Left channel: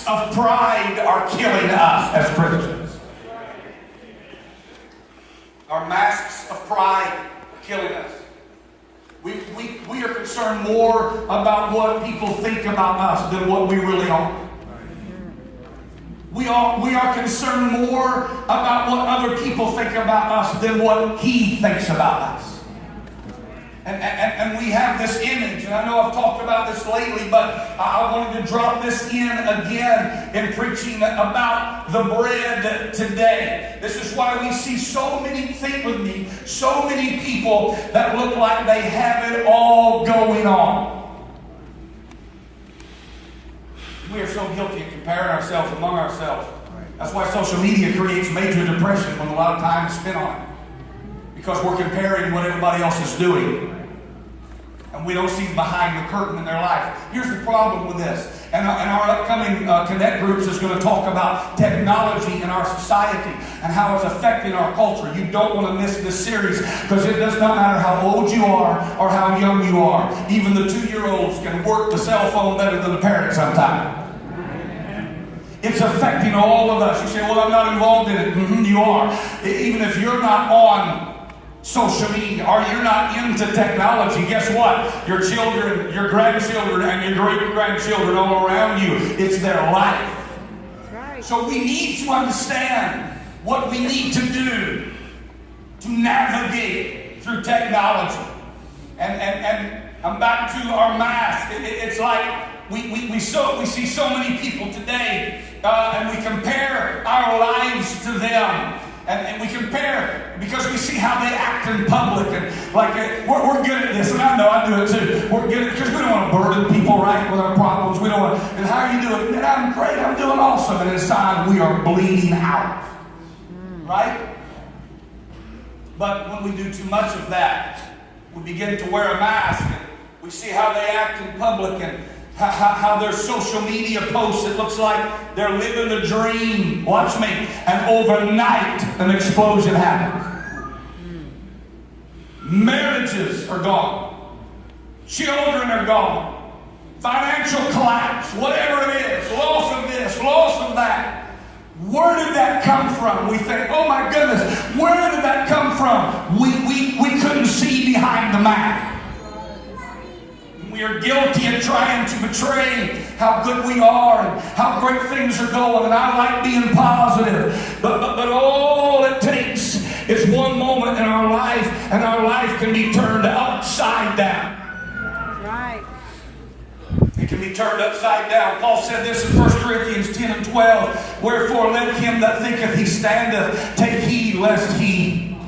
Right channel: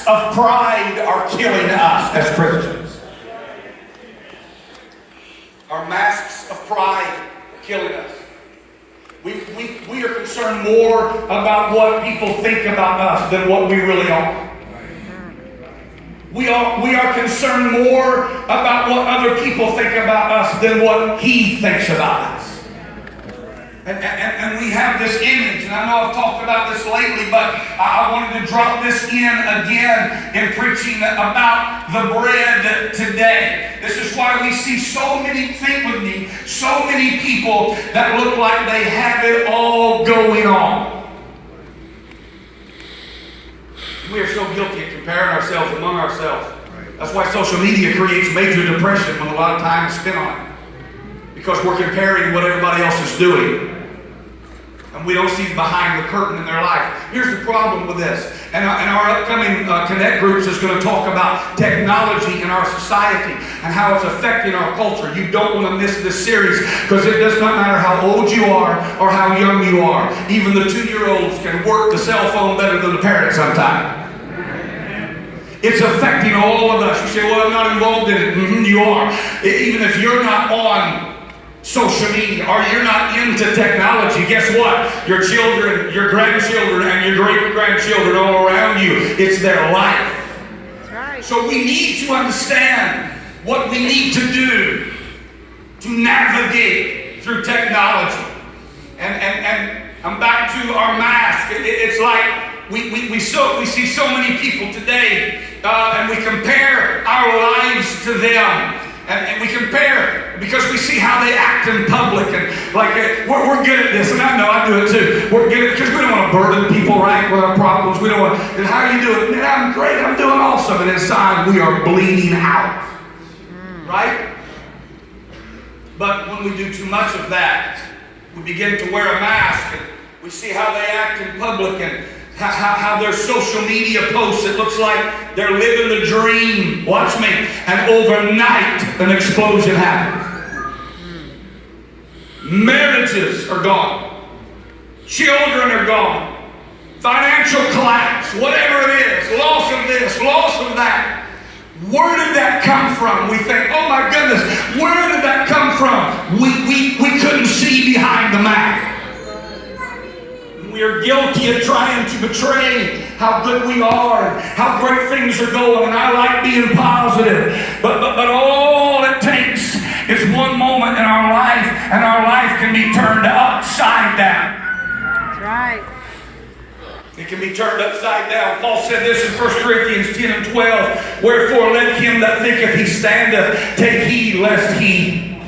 of pride are killing us as Christians. Our masks of pride are killing us. We are concerned more about what people think about us than what we really are. We are concerned more about what other people think about us than what He thinks about us. And we have this image, and I know I've talked about this lately, but I wanted to drop this in again in preaching about the bread today. This is why we see so many, think with me, so many people that look like they have it all going on. We are so guilty of comparing ourselves among ourselves. That's why social media creates major depression when a lot of time is spent on it. Because we're comparing what everybody else is doing. And we don't see behind the curtain in their life. Here's the problem with this. And our upcoming Connect groups is going to talk about technology in our society and how it's affecting our culture. You don't want to miss this series because it does not matter how old you are or how young you are. Even the 2-year-olds can work the cell phone better than the parents sometimes. It's affecting all of us. You say, well, I'm not involved in it. You are. Even if you're not on social media, or you're not into technology, guess what? Your children, your grandchildren, and your great-grandchildren all around you, it's their life. Right. So we need to understand what we need to do to navigate through technology. And I'm back to our mask. It's like we see so many people today, and we compare our lives to them. And we compare because we see how they act in public, and like we're good at this, and I know I do it too. We're good because we don't want to burden people, right, with our problems. We don't want. And how you do it? Man, I'm great. I'm doing awesome. And inside we are bleeding out, right? But when we do too much of that, we begin to wear a mask, and we see how they act in public, and how their social media posts, it looks like they're living the dream. Watch me. And overnight, an explosion happens. Marriages are gone. Children are gone. Financial collapse, whatever it is. Loss of this, loss of that. Where did that come from? We think, oh my goodness, where did that come from? We couldn't see behind the mask. We are guilty of trying to betray how good we are and how great things are going, and I like being positive. But all it takes is one moment in our life, and our life can be turned upside down. That's right. It can be turned upside down. Paul said this in 1 Corinthians 10 and 12. Wherefore let him that thinketh he standeth take heed lest he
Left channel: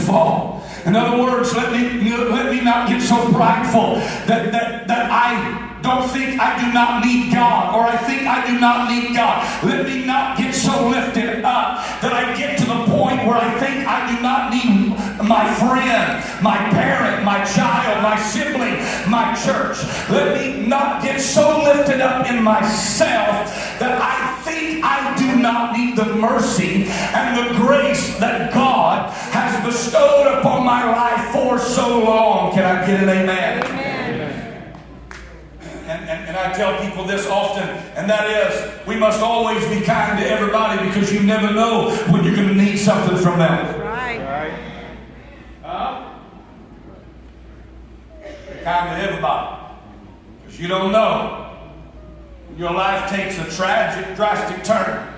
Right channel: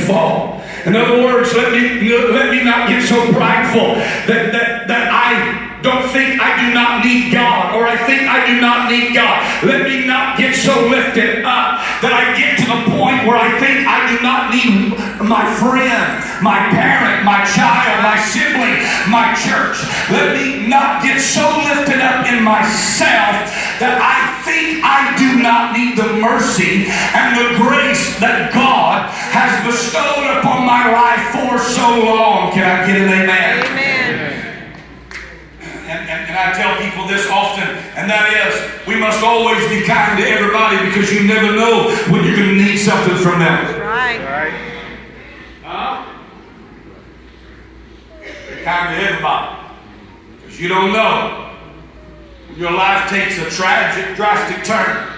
fall. In other words, let me not get so prideful that I don't think I do not need God, or I think I do not need God. Let me not get so lifted up that I get to the point where I think I do not need my friend, my parent, my child, my sibling, my church. Let me not get so lifted up in myself that I think I do not need the mercy and the grace that God has bestowed upon my life for so long. Can I get an amen? Amen. And I tell people this often, and that is, we must always be kind to everybody because you never know when you're going to need something from them. Right. Be kind to everybody because you don't know when your life takes a tragic, drastic turn,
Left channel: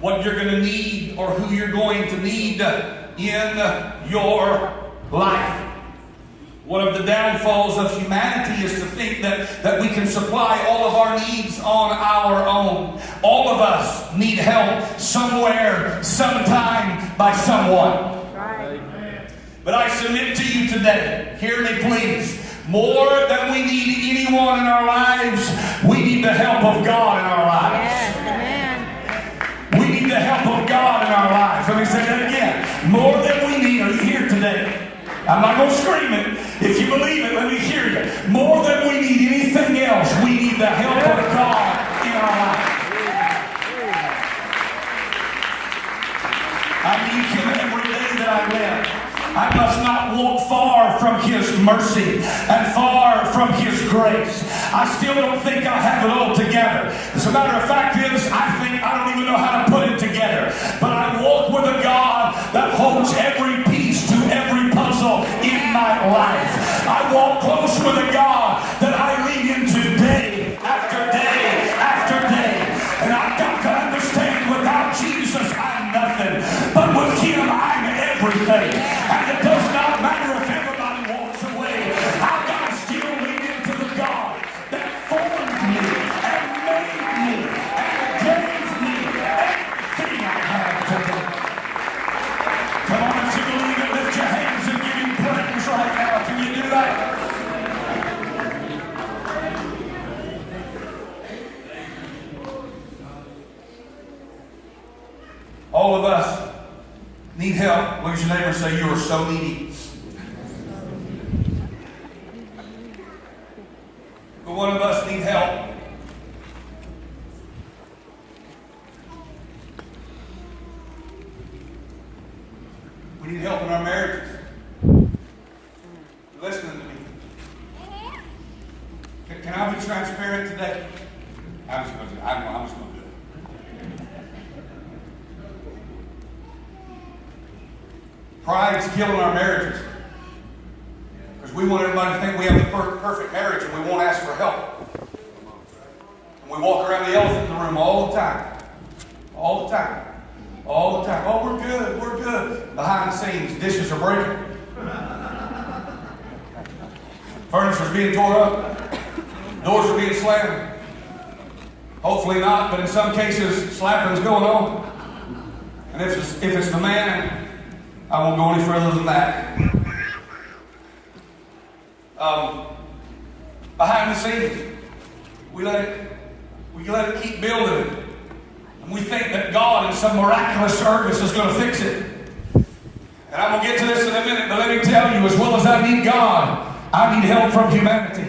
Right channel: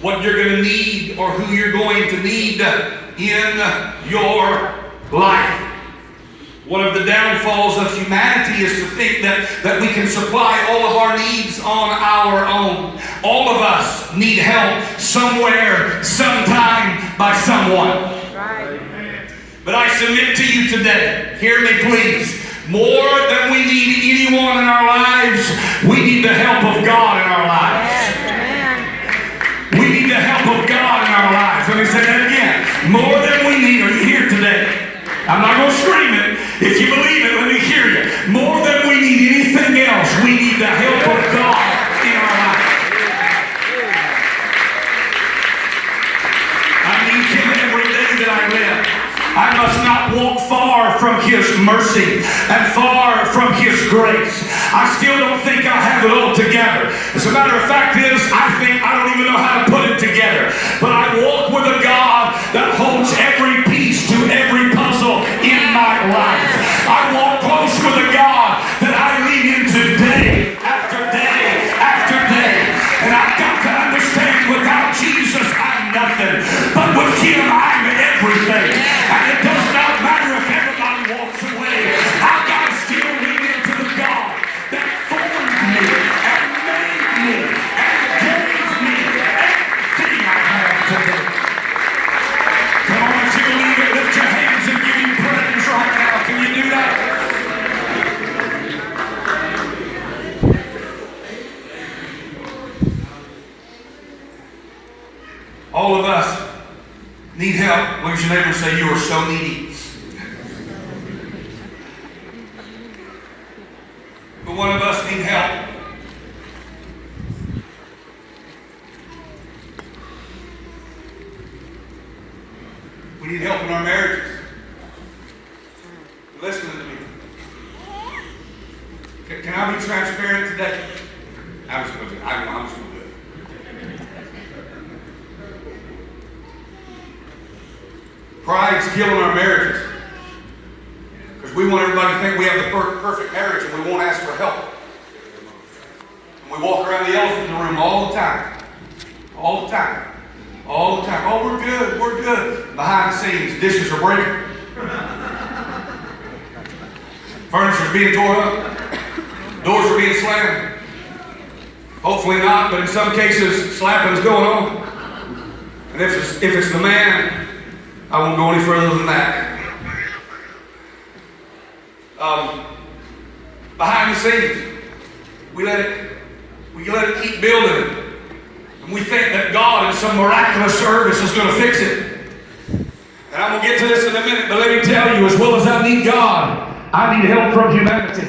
what you're going to need or who you're going to need in your life. One of the downfalls of humanity is to think that we can supply all of our needs on our own. All of us need help somewhere, sometime, by someone. Right. But I submit to you today, hear me please, more than we need anyone in our lives, we need the help of God in our lives. Yes, amen. We need the help of God in our lives. Let me say that again. More than we need. Are you here today? I'm not going to scream it. If you believe it, let me hear you. More than we need anything else, we need the help of God in our life. I need Him every day that I live. I must not walk far from His mercy and far from His grace. I still don't think I have it all together. As a matter of fact is, I think I don't even know how to put it together. But I walk with a God that holds every piece to every puzzle in my life. I walk close with a God that I lean into day after day after day. And I've got to understand without Jesus I'm nothing. But with Him I'm everything. And it does not matter if everybody walks away. I've got to still lean into the God that formed me and made me and gave me everything I have today. Come on, if you believe it, lift your hands and give Him praise right now. Can you do that? All of us need help. Look at your neighbor and say, you are so needy. But one of us need help. We need help in our marriages. Listen to me. Can I be transparent today? I'm just going to do it. Pride's killing our marriages. Because we want everybody to think we have a perfect marriage and we won't ask for help. And we walk around the elephant in the room all the time. All the time. All the time. Oh, we're good. We're good. Behind the scenes, dishes are breaking. Furniture's being tore up. Doors are being slammed. Hopefully not, but in some cases, slapping is going on. And if it's the man, I won't go any further than that. Behind the scenes, we let it keep building. And we think that God in some miraculous service is going to fix it. And I'm going to get to this in a minute, but let me tell you, as well as I need God, I need help from humanity.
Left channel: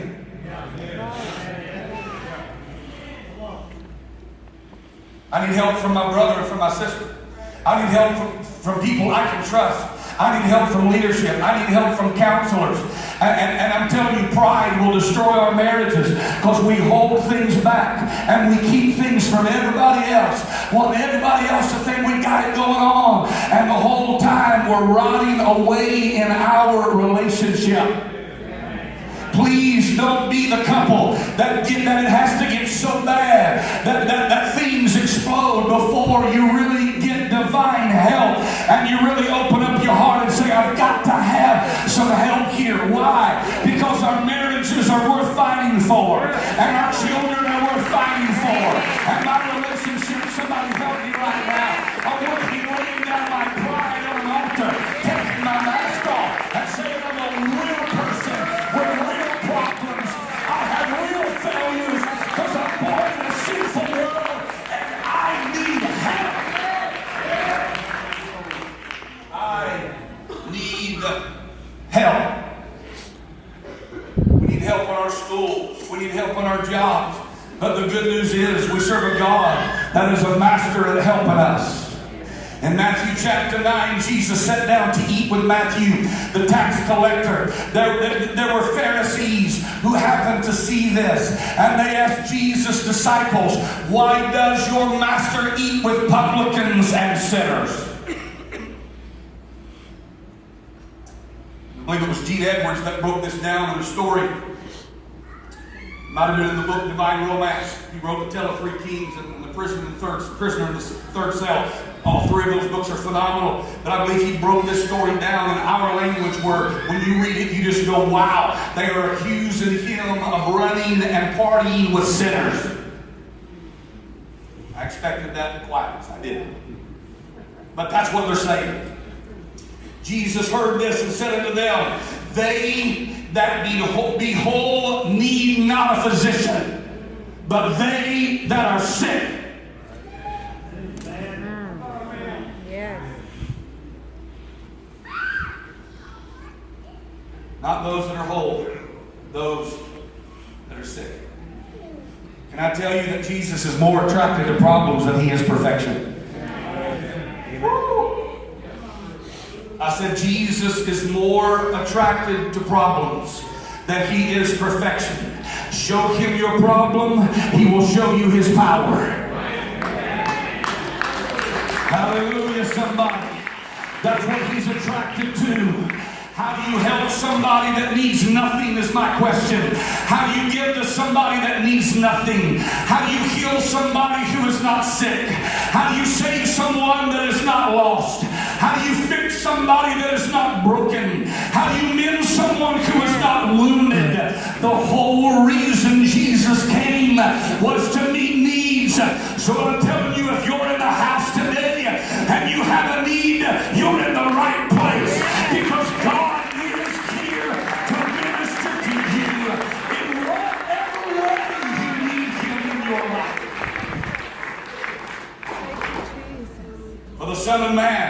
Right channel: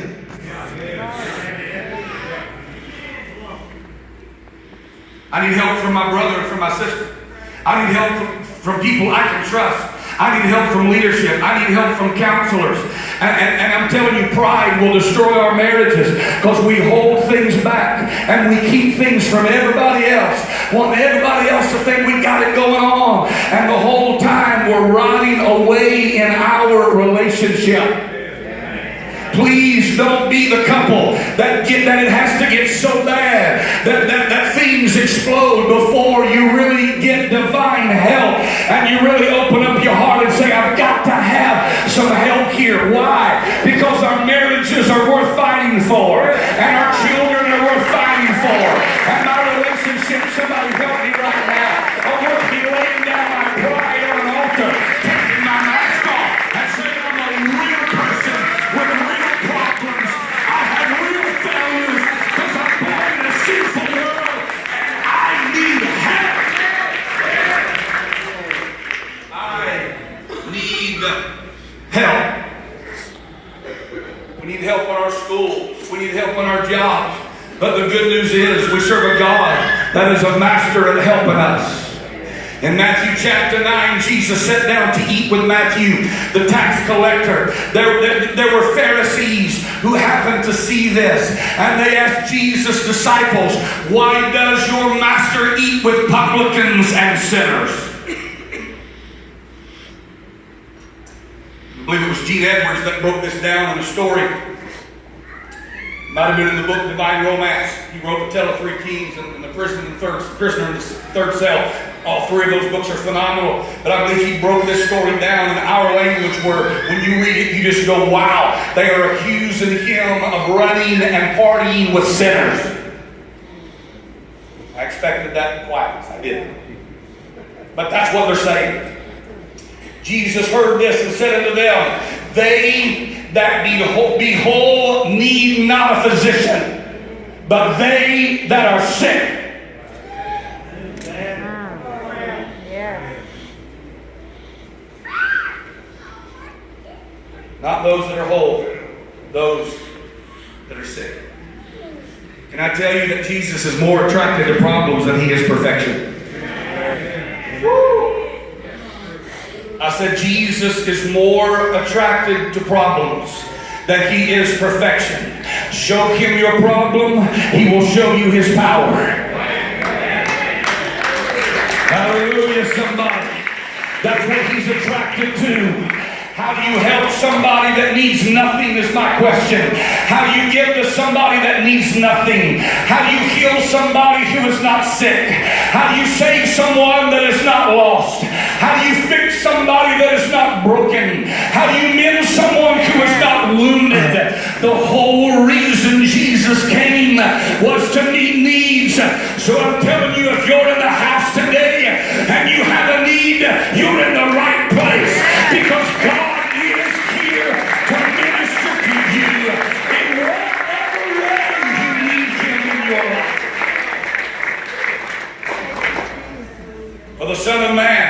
I need help from my brother and from my sister. I need help from people I can trust. I need help from leadership. I need help from counselors. And I'm telling you, pride will destroy our marriages because we hold things back and we keep things from everybody else, wanting everybody else to think we got it going on. And the whole time we're rotting away in our relationship. Please don't be the couple that it has to get so bad that things explode before you really get divine help and you really open up your heart and say, I've got to have some help here. Why? Because our marriages are worth fighting for and our children are worth fighting for and my relationship, somebody help me right now. I'm worth me laying down my pride on an altar, taking my mask off and saying I'm a real person with a real problems. I have real values because I'm born in a sinful world and I need help. I need help. We need help in our schools. We need help in our jobs. But the good news is we serve a God that is a master at helping us. In Matthew chapter 9, Jesus sat down to eat with Matthew, the tax collector. There were Pharisees who happened to see this. And they asked Jesus' disciples, why does your master eat with publicans and sinners? I believe it was Gene Edwards that broke this down in a story. Might have been in the book Divine Romance. He wrote The Tale of Three Kings and the Prisoner in the Third Cell. All three of those books are phenomenal. But I believe he broke this story down in our language where when you read it, you just go, wow. They are accusing him of running and partying with sinners. I expected that quietness. I didn't. But that's what they're saying. Jesus heard this and said unto them, they that be whole need not a physician, but they that are sick. Not those that are whole, those that are sick. Can I tell you that Jesus is more attracted to problems than he is perfection? Woo. I said Jesus is more attracted to problems that He is perfection. Show Him your problem, He will show you His power. Hallelujah, somebody. That's what He's attracted to. How do you help somebody that needs nothing is my question. How do you give to somebody that needs nothing? How do you heal somebody who is not sick? How do you save someone that is not lost? How do you fix somebody that is not broken? How do you mend someone who is not wounded? The whole reason Jesus came was to meet needs. So I'm telling you, if you're in the house today and you have a need, you're in the right place, because God is here to minister to you in whatever way you need Him in your life. For the Son of Man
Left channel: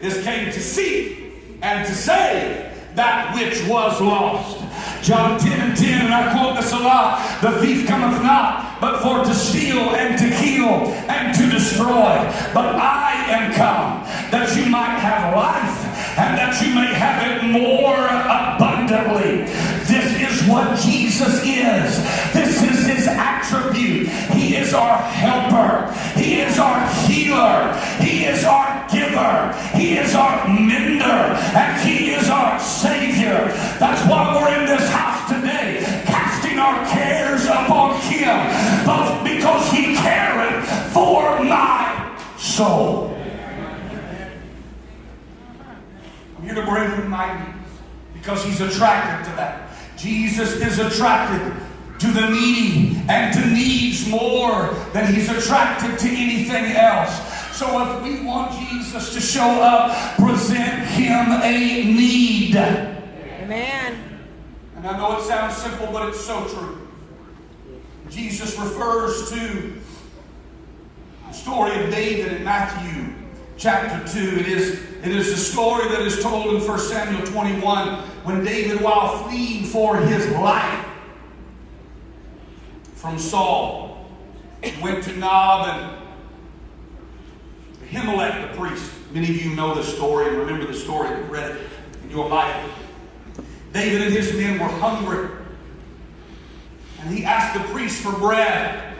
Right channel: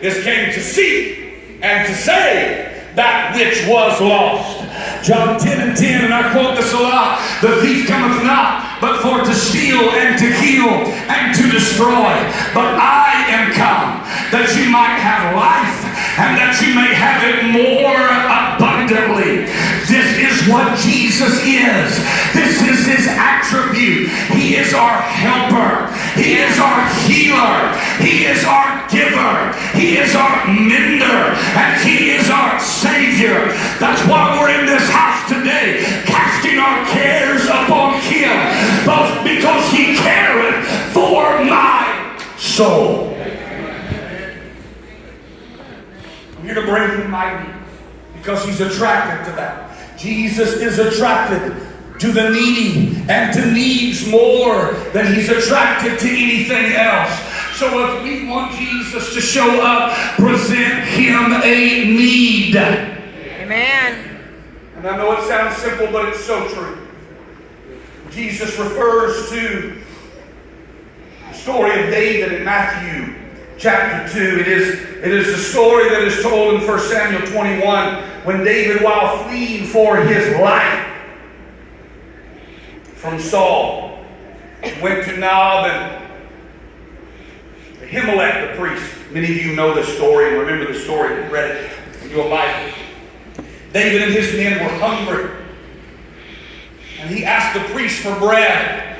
is came to seek and to save that which was lost. John 10:10, and I quote this a lot: the thief cometh not, but for to steal and to kill and to destroy. But I am come that you might have life, and that you may have it more abundantly. This is what Jesus is. This is His attribute. He is our helper. He is our healer. He is our giver. He is our mender. And He is our Savior. That's why we're in this house today, casting our cares upon Him, because He careth for my soul. I'm here to bring Him my needs, because He's attracted to that. Jesus is attracted to the needy and to needs more than He's attracted to anything else. So if we want Jesus to show up, present Him a need. Amen. And I know it sounds simple, but it's so true. Jesus refers to the story of David in Matthew chapter 2. It is the story that is told in 1 Samuel 21, when David, while fleeing for his life from Saul, went to Nob and Ahimelech the priest. Many of you know this story and remember the story and read it in your Bible. David and his men were hungry, and he asked the priest for bread,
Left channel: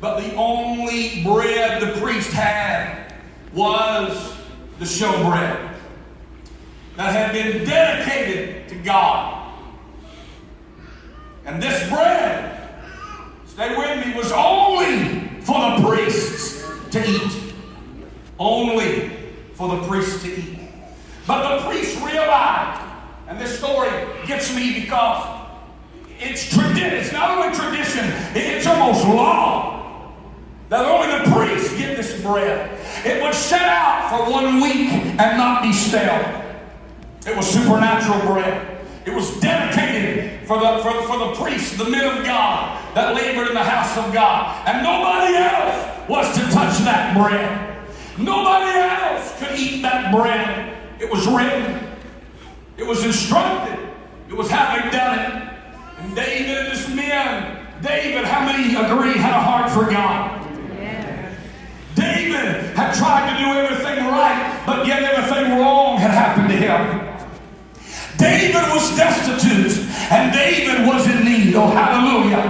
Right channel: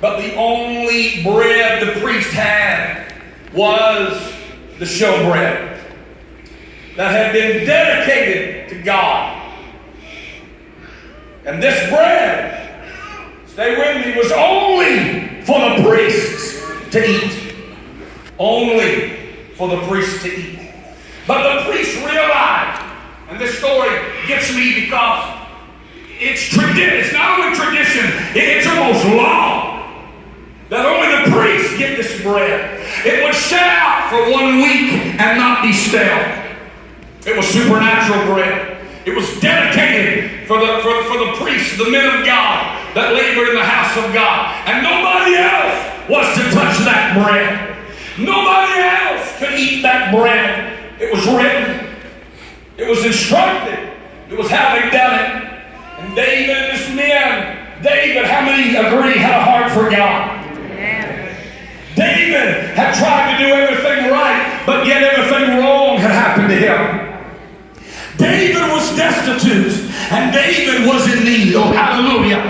but the only bread the priest had was the showbread that had been dedicated to God. And this bread, stay with me, was only for the priests to eat. Only for the priests to eat. But the priests realized, and this story gets me because it's tradition. It's not only tradition, it's almost law that only the priests get this bread. It was set out for 1 week and not be stale. It was supernatural bread. It was dedicated for the priests, the men of God that labored in the house of God. And nobody else was to touch that bread. Nobody else could eat that bread. It was written. It was instructed. It was how they done it. And David and his men, David, how many agree, had a heart for God? Yeah. David had tried to do everything right, but yet everything wrong had happened to him. David was destitute, and David was in need. Oh, hallelujah.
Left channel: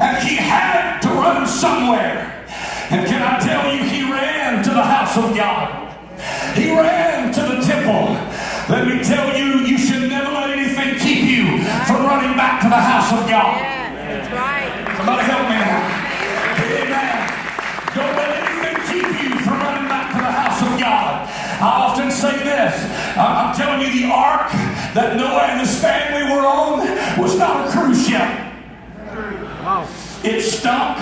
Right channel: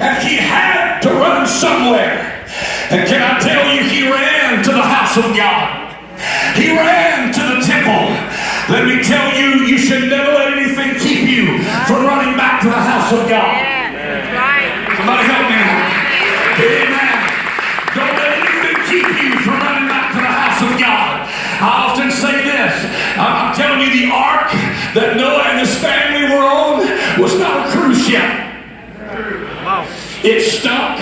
And he had to run somewhere. And can I tell you, he ran to the house of God. He ran to the temple. Let me tell you, you should never let anything keep you from running back to the house of God. Yeah, that's right. Somebody help me now. Amen. Don't let anything keep you from running back to the house of God. I often say this. I'm telling you, the ark that Noah and his family were on was not a cruise ship. Wow. It stunk.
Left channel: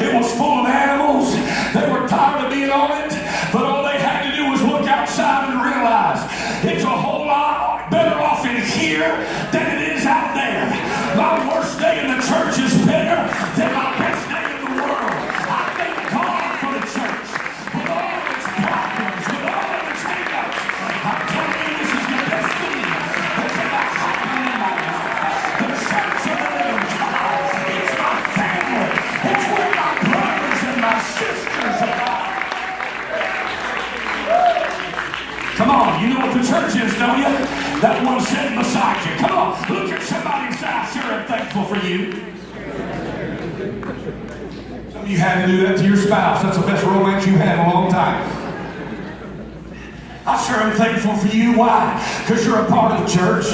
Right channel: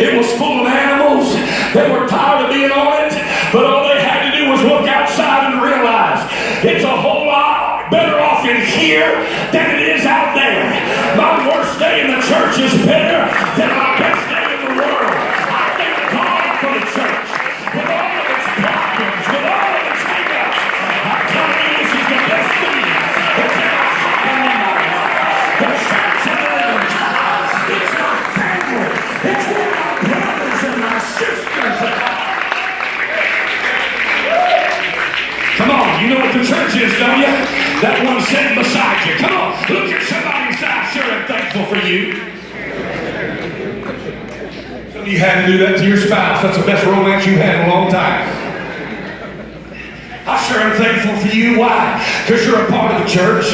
It was full of animals. They were tired of being on it, but all they had to do was look outside and realize it's a whole lot better off in here than it is out there. My worst day in the church is better than my best day in the world. I thank God for the church, with all of its problems, with all of its hang-ups. I'm telling you, this is the best thing that's ever happened in my life. The church of the living God. It's my family. It's with my brothers and my sisters. you. Some of you had to do that to your spouse. That's the best romance you've had in a long time. I sure am thankful for you. Why? Because you're a part of the church.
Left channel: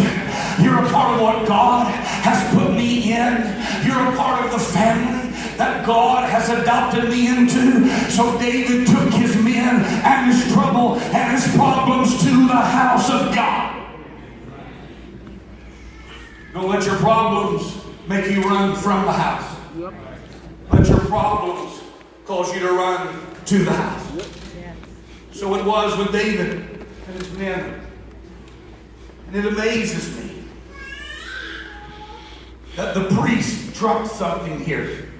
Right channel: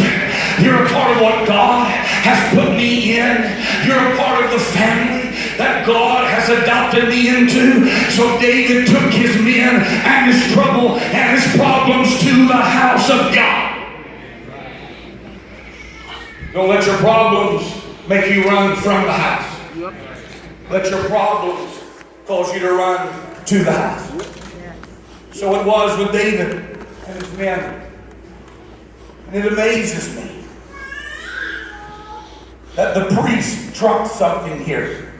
You're a part of what God has put me in. You're a part of the family that God has adopted me into. So David took his men and his trouble and his problems to the house of God. Don't let your problems make you run from the house. Let your problems cause you to run to the house. So it was with David and his men. And it amazes me that the priest trumped something here.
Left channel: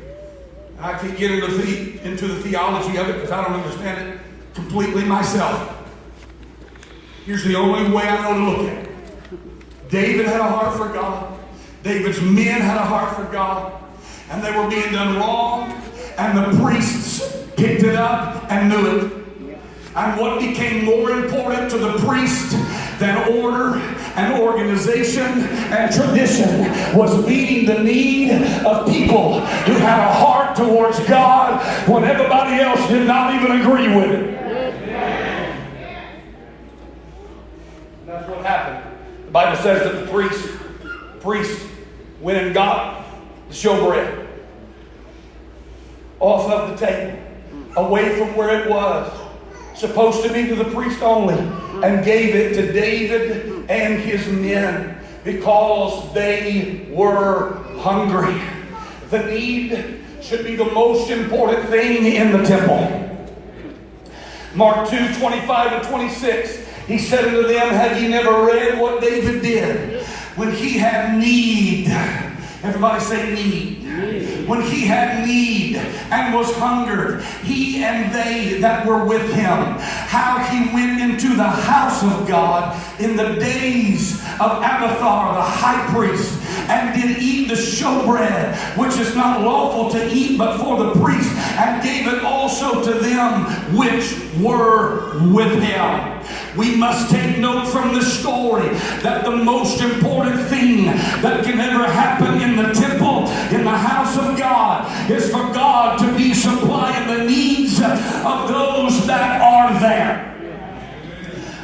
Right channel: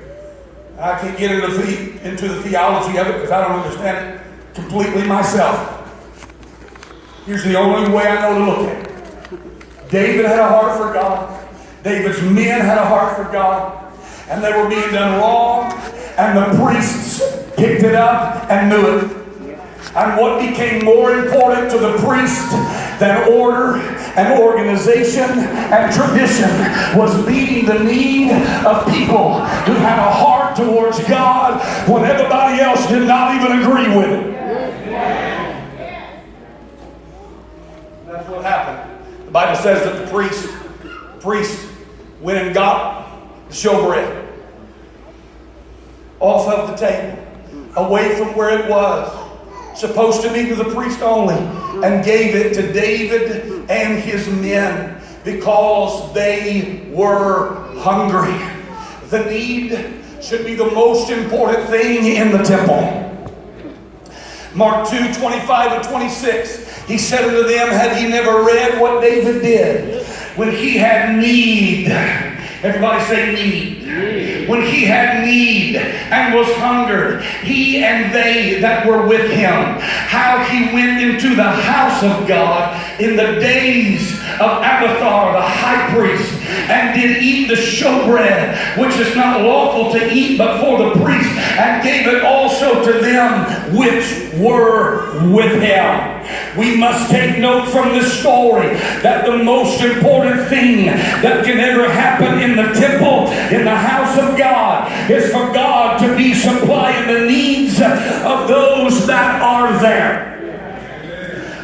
And I can't get into the theology of it because I don't understand it completely myself. Here's the only way I know to look at it. David had a heart for God. David's men had a heart for God. And they were being done wrong. And the priests picked it up and knew it. And what became more important to the priest than order and organization and tradition was meeting the need of people who had a heart towards God when everybody else did not even agree with it. That's what happened. The Bible says that the priest went and got the showbread off of the table, away from where it was supposed to be to the priest only, and gave it to David and his men because they were hungry. The need should be the most important thing in the temple. Mark 2:25 and 26. He said unto them, have ye never read what David did when he had need? Everybody say need. When he had need and was hungered, he and they that were with him, how he went into the house of God in the days of Abiathar the high priest, and did eat the showbread, which is not lawful to eat but for the priest, and gave it also to them which were with him. We must take note from this story that the most important thing that can ever happen in the temple, in the house of God, is for God to be supplying the needs of those that are there.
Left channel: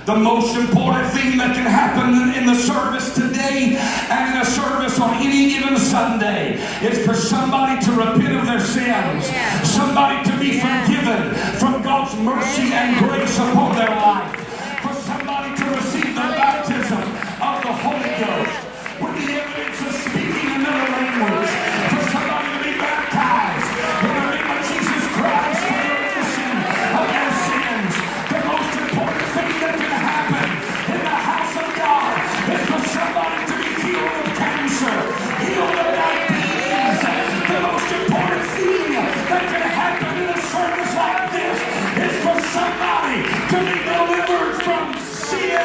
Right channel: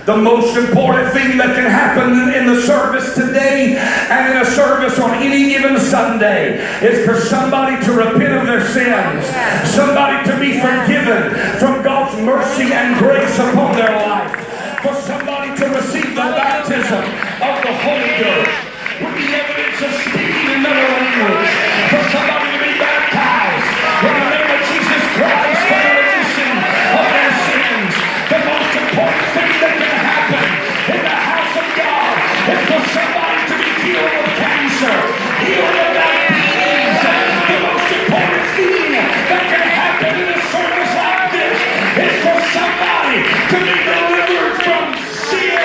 The most important thing that can happen in the service today and in a service on any given Sunday is for somebody to repent of their sins, somebody to be forgiven from God's mercy and grace upon their life, for somebody to receive the baptism of the Holy Ghost with the evidence of speaking another language, for somebody to be baptized in the name of Jesus Christ for the remission of their sins. The most important thing that can happen in the house of God is for somebody to be healed of cancer, healed of diabetes. The most important thing that can happen in a service like this is for somebody to be delivered from sin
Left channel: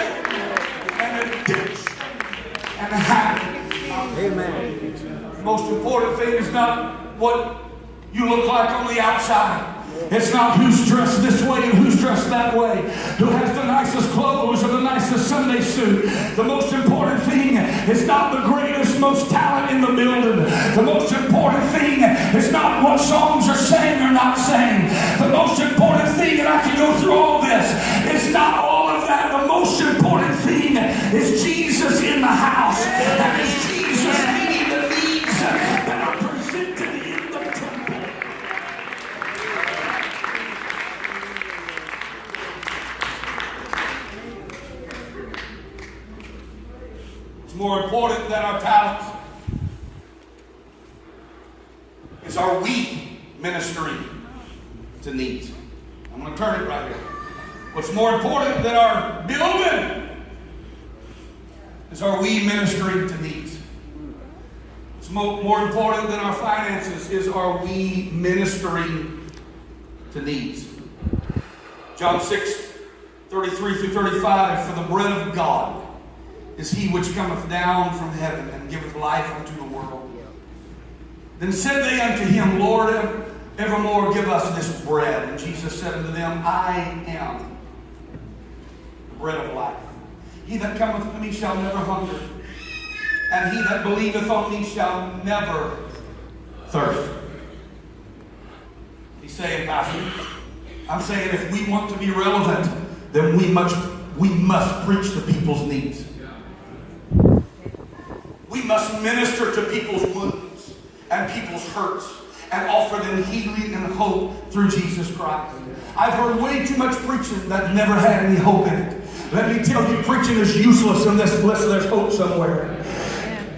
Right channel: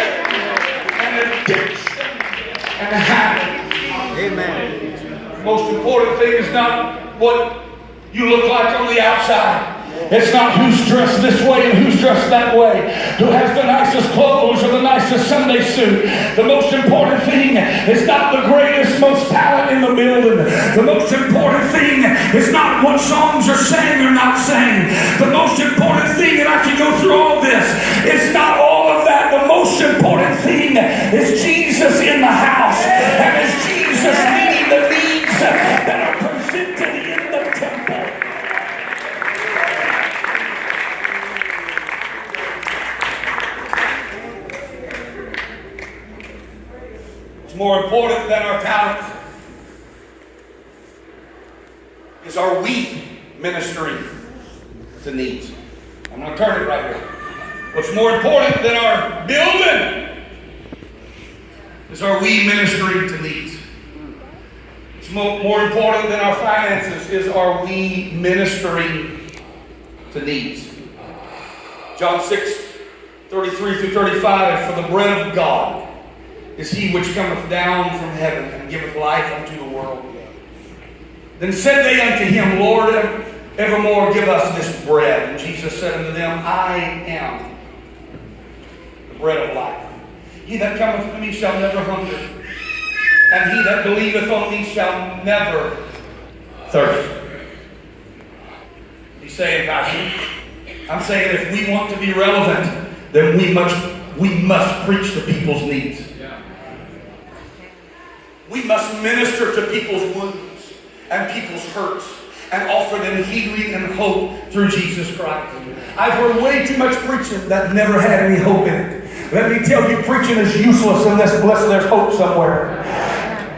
and addiction and habit. Amen. The most important thing is not what you look like on the outside. It's not who's dressed this way and who's dressed that way, who has the nicest clothes or the nicest Sunday suit. The most important thing is not the greatest, most talent in the building. The most important thing is not what songs are sang or not sang. The most important thing, and I can go through all this, is not all of that. The most important thing is Jesus in the house. And is Jesus meeting the needs that are presented in the temple. It's more important than our talents is are we ministering to needs. I'm going to turn it right here. What's more important than our building is are we ministering to needs. What's more important than our finances is are we ministering to needs. John 6:33 through 35, for the bread of God is he which cometh down from heaven and giveth life unto the world. Then said they unto him, Lord, evermore give us this bread. And Jesus said unto them, I am the bread of life. He that cometh to me shall never hunger, and he that believeth on me shall never thirst. He's saying, Pastor, I'm saying if we want to be relevant, then we must preach to people's needs. We must minister to people's wounds and people's hurts and offer them healing and hope through Jesus Christ. I've heard way too much preaching that never had any hope in it. Let me tell you, preaching is useless unless there's hope somewhere.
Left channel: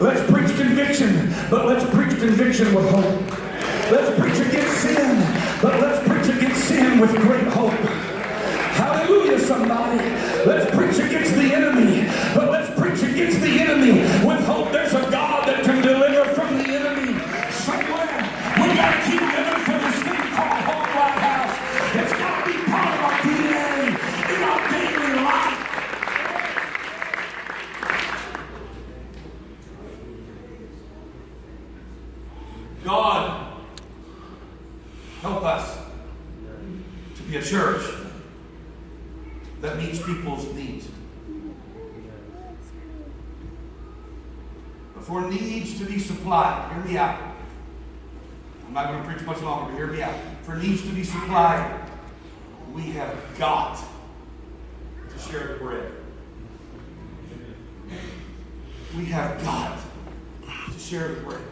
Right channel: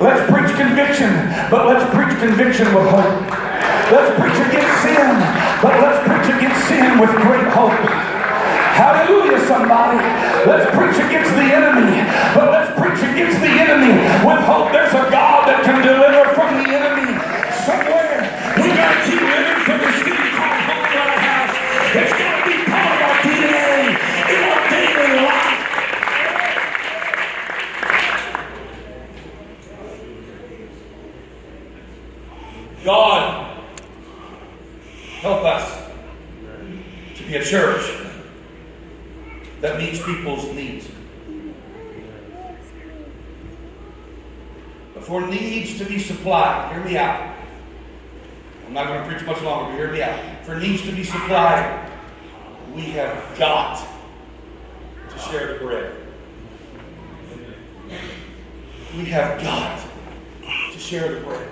Let's preach conviction, but let's preach conviction with hope. Let's preach against sin, but let's preach against sin with great hope. Hallelujah, somebody. Let's preach against the enemy, but let's preach against the enemy with hope. There's a God that can deliver from the enemy somewhere. We got to keep living for this thing called home, Lighthouse. It's got to be part of our DNA in our daily life. God, help us to be a church that meets people's needs. But for needs to be supplied, hear me out. I'm not going to preach much longer, but hear me out. For needs to be supplied, we have got to share the bread. We have got to share the bread.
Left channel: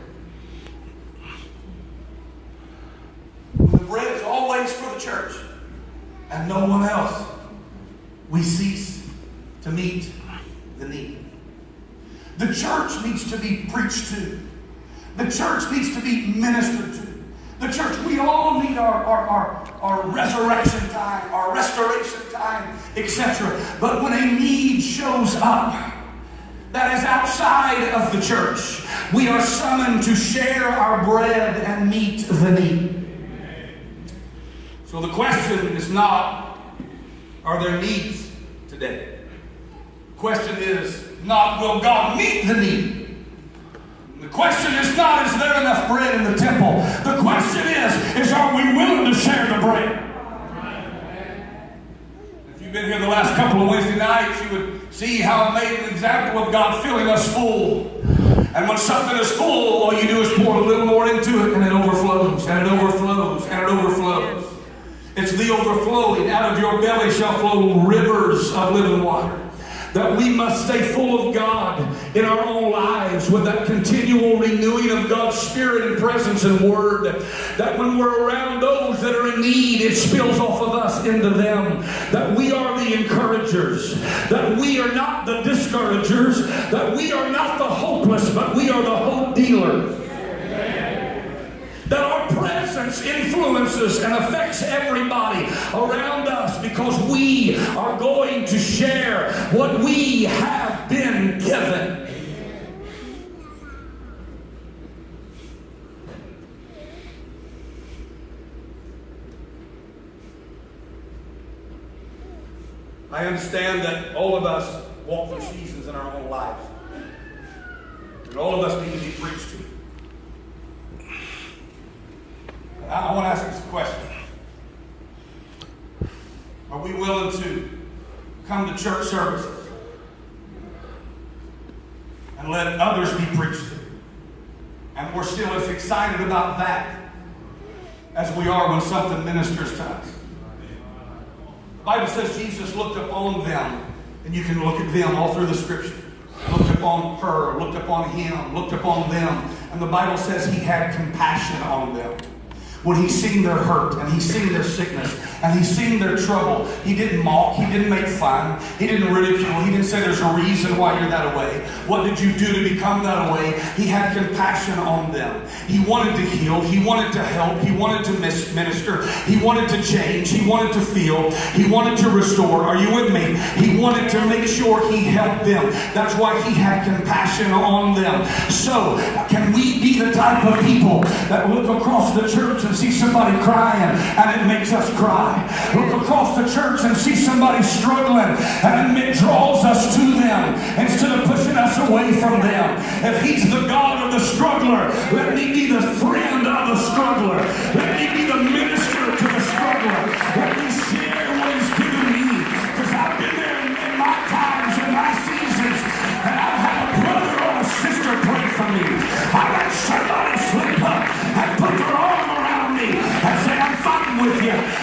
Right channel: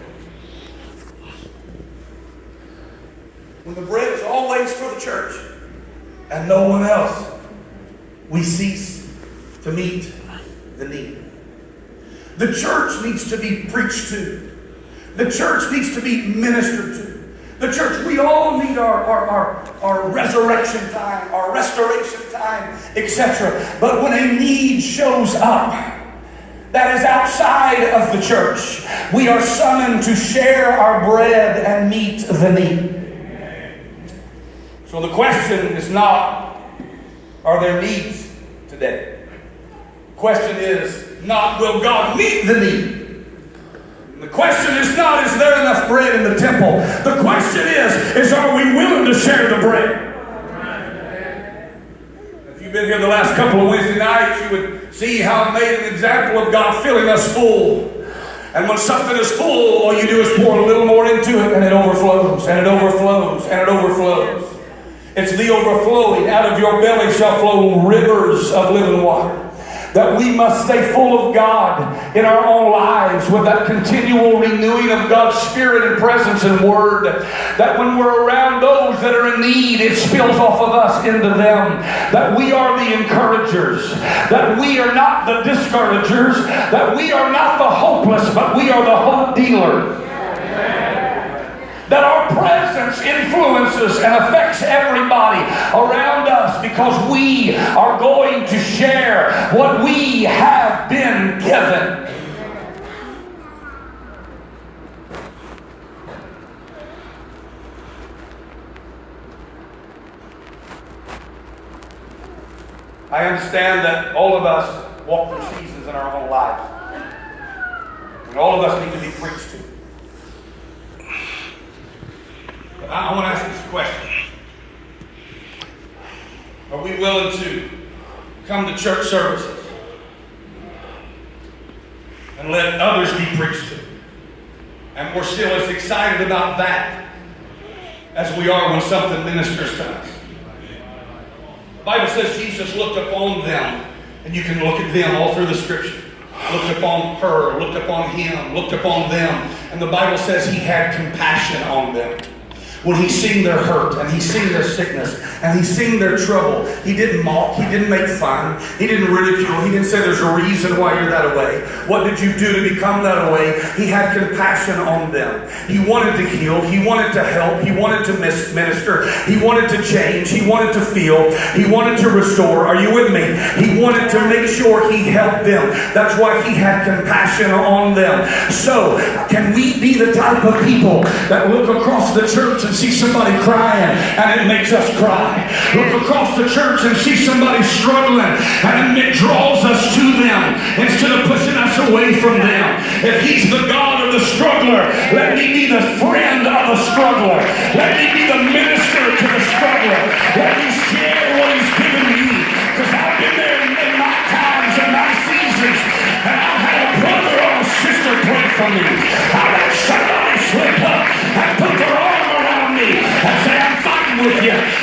When the bread is always for the church and no one else, we cease to meet the need. The church needs to be preached to. The church needs to be ministered to. The church, we all need our resurrection time, our restoration time, etc. But when a need shows up that is outside of the church, we are summoned to share our bread and meet the need. So the question is not, are there needs today? The question is not, will God meet the need? The question is not, is there enough bread in the temple? The question is are we willing to share the bread? If you've been here the last couple of Wednesday nights, you would see how I made an example of God filling us full. And when something is full, all you do is pour a little more into it, and it overflows, and it overflows, and it overflows. It's the overflowing. Out of your belly shall flow rivers of living water. That we must stay full of God in our own lives with that continual renewing of God's Spirit and presence and Word. That when we're around those that are in need, it spills off of us into them. That we are the encouragers. That we are not the discouragers. That we are not the hopeless, but we are the hope dealers. That our presence influences and affects everybody around us because we are going to share what we have been given. I understand that all of us walk through seasons in our own lives. And all of us need to be preached to. I want to ask this question. Are we willing to come to church services and let others be preached to? And we're still as excited about that as we are when something ministers to us. The Bible says Jesus looked upon them, and you can look at them all through the Scripture. Looked upon her, looked upon him, looked upon them. And the Bible says he had compassion on them. When he seen their hurt, and he seen their sickness, and he seen their trouble, he didn't mock, he didn't make fun, he didn't ridicule, he didn't say there's a reason why you're that way. What did you do to become that way? He had compassion on them. He wanted to heal, he wanted to help, he wanted to minister, he wanted to change, he wanted to feel, he wanted to restore. Are you with me? He wanted to make sure he helped them. That's why he had compassion on them. So, can we be the type of people that look across the church and see somebody crying and it makes us cry? Look across the church and see somebody struggling and it draws us to them instead of pushing us away from them. If he's the God of the struggler, let me be the friend of the struggler. Let me be the minister to the struggler. Let me share what he's given me, because I've been there in my times and my seasons, and I've had a brother or a sister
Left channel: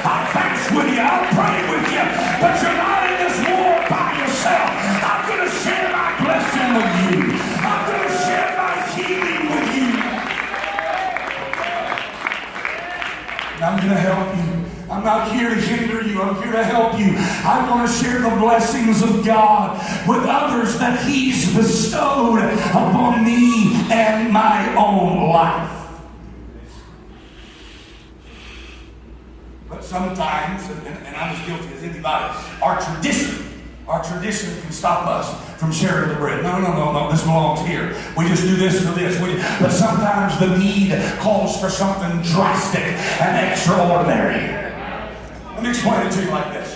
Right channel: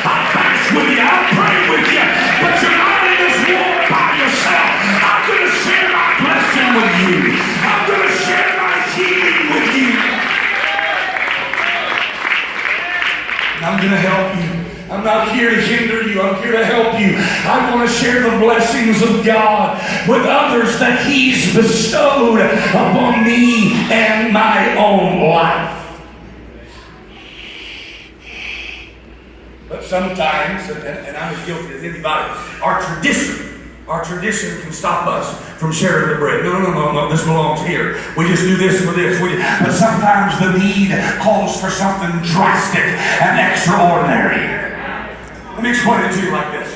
I'll fast with you. I'll pray with you. But you're not in this war by yourself. I'm going to share my blessing with you. I'm going to share my healing with you. And I'm going to help you. I'm not here to hinder you. I'm here to help you. I want to share the blessings of God with others that He's bestowed upon me and my own life. But sometimes, and I'm as guilty as anybody, our tradition can stop us from sharing the bread. No, this belongs here. We just do this for this. But sometimes the need calls for something drastic and extraordinary. Let me explain it to you like this.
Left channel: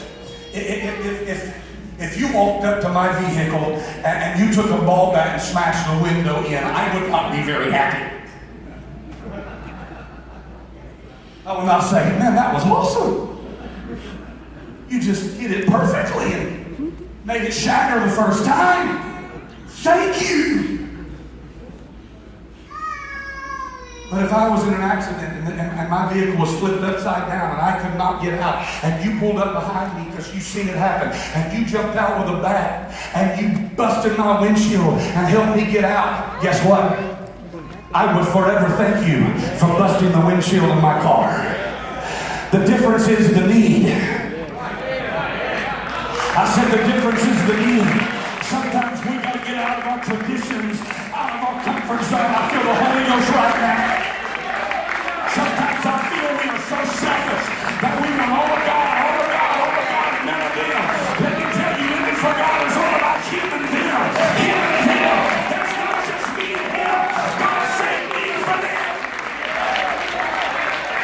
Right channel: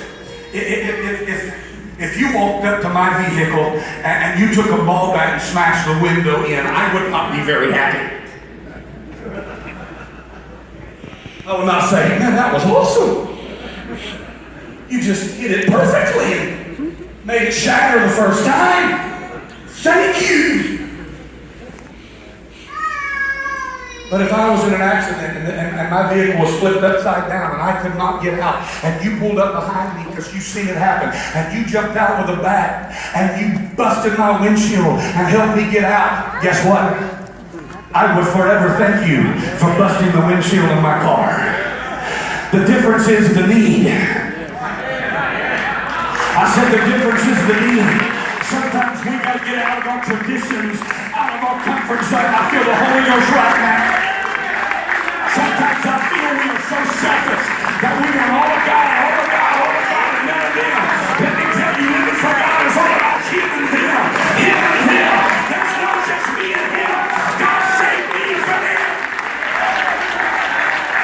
If you walked up to my vehicle and you took a ball bat and smashed the window in, I would not be very happy. I would not say, man, that was awesome. You just hit it perfectly and made it shatter the first time. Thank you. But if I was in an accident and my vehicle was flipped upside down and I could not get out, and you pulled up behind me because you seen it happen, and you jumped out with a bat and you busted my windshield and helped me get out, guess what? I would forever thank you for busting the windshield in my car. The difference is the need. I said the difference is the need. Sometimes we got to get out of our traditions, out of our comfort zone. I feel the Holy Ghost right now. Sometimes I feel we are so selfish that we want all of God, and none of them. Let me tell you, living for God is all about Him and Him. Him and Him. There's not just me and Him. God saved me from Him.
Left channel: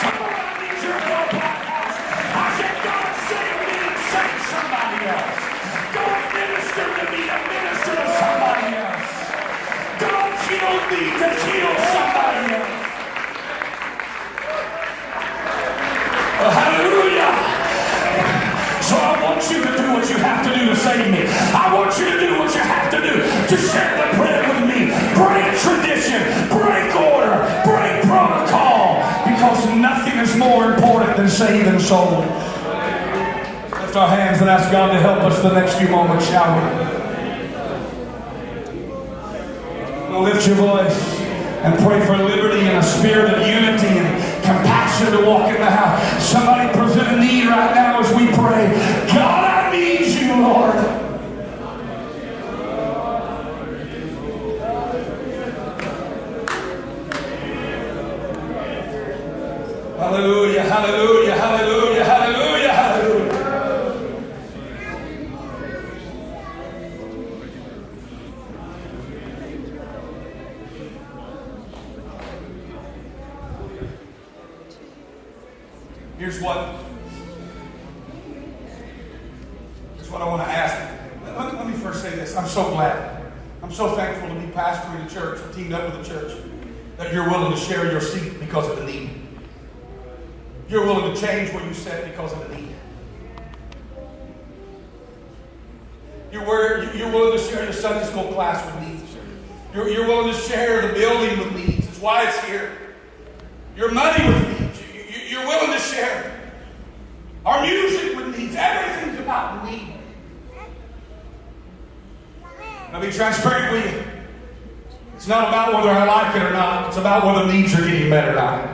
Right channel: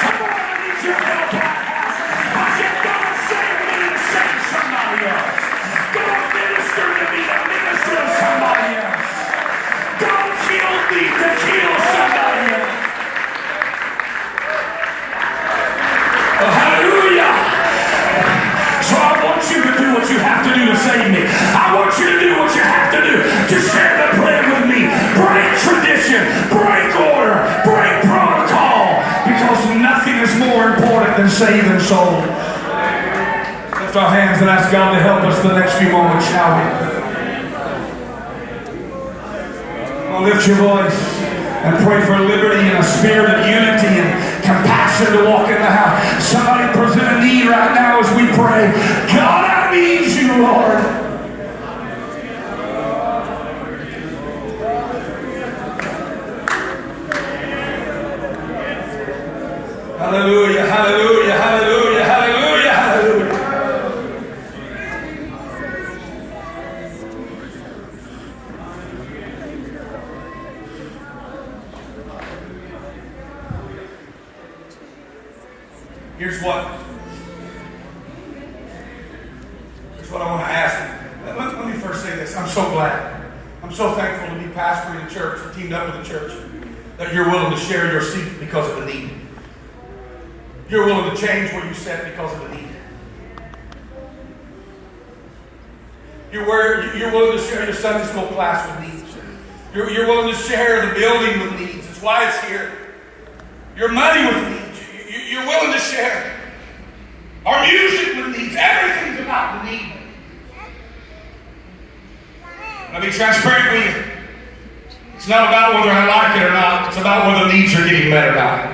Come on, I need your help, Lighthouse. I said, God saved me and saved somebody else. God minister to me to minister to somebody else. God healed me to heal somebody else. Oh, hallelujah. So I want you to do what you have to do to save me. I want you to do what you have to do to share the bread with me. Break tradition, break order, break protocol, because nothing is more important than saving souls. Lift our hands and ask God to help us the next few moments, shall we? Well, lift your voice and pray for liberty and a spirit of unity and compassion to walk in the house. Somebody present a need right now as we pray. God, I need you, Lord. Hallelujah, hallelujah, hallelujah, hallelujah, hallelujah. Here's what I want to ask. Let me first say this. I'm so glad. I'm so thankful to be pastoring a church, teamed up with a church, that you're willing to share your seat because of the need. You're willing to change where you sit because of the need. You're willing to share your Sunday school class with needs. You're willing to share the building with needs. It's why it's here. Your money with needs. You're willing to share our music with needs. Everything's about the need. I'll be transparent with you. It's not about whether I like it or not. It's about whether needs are getting better now.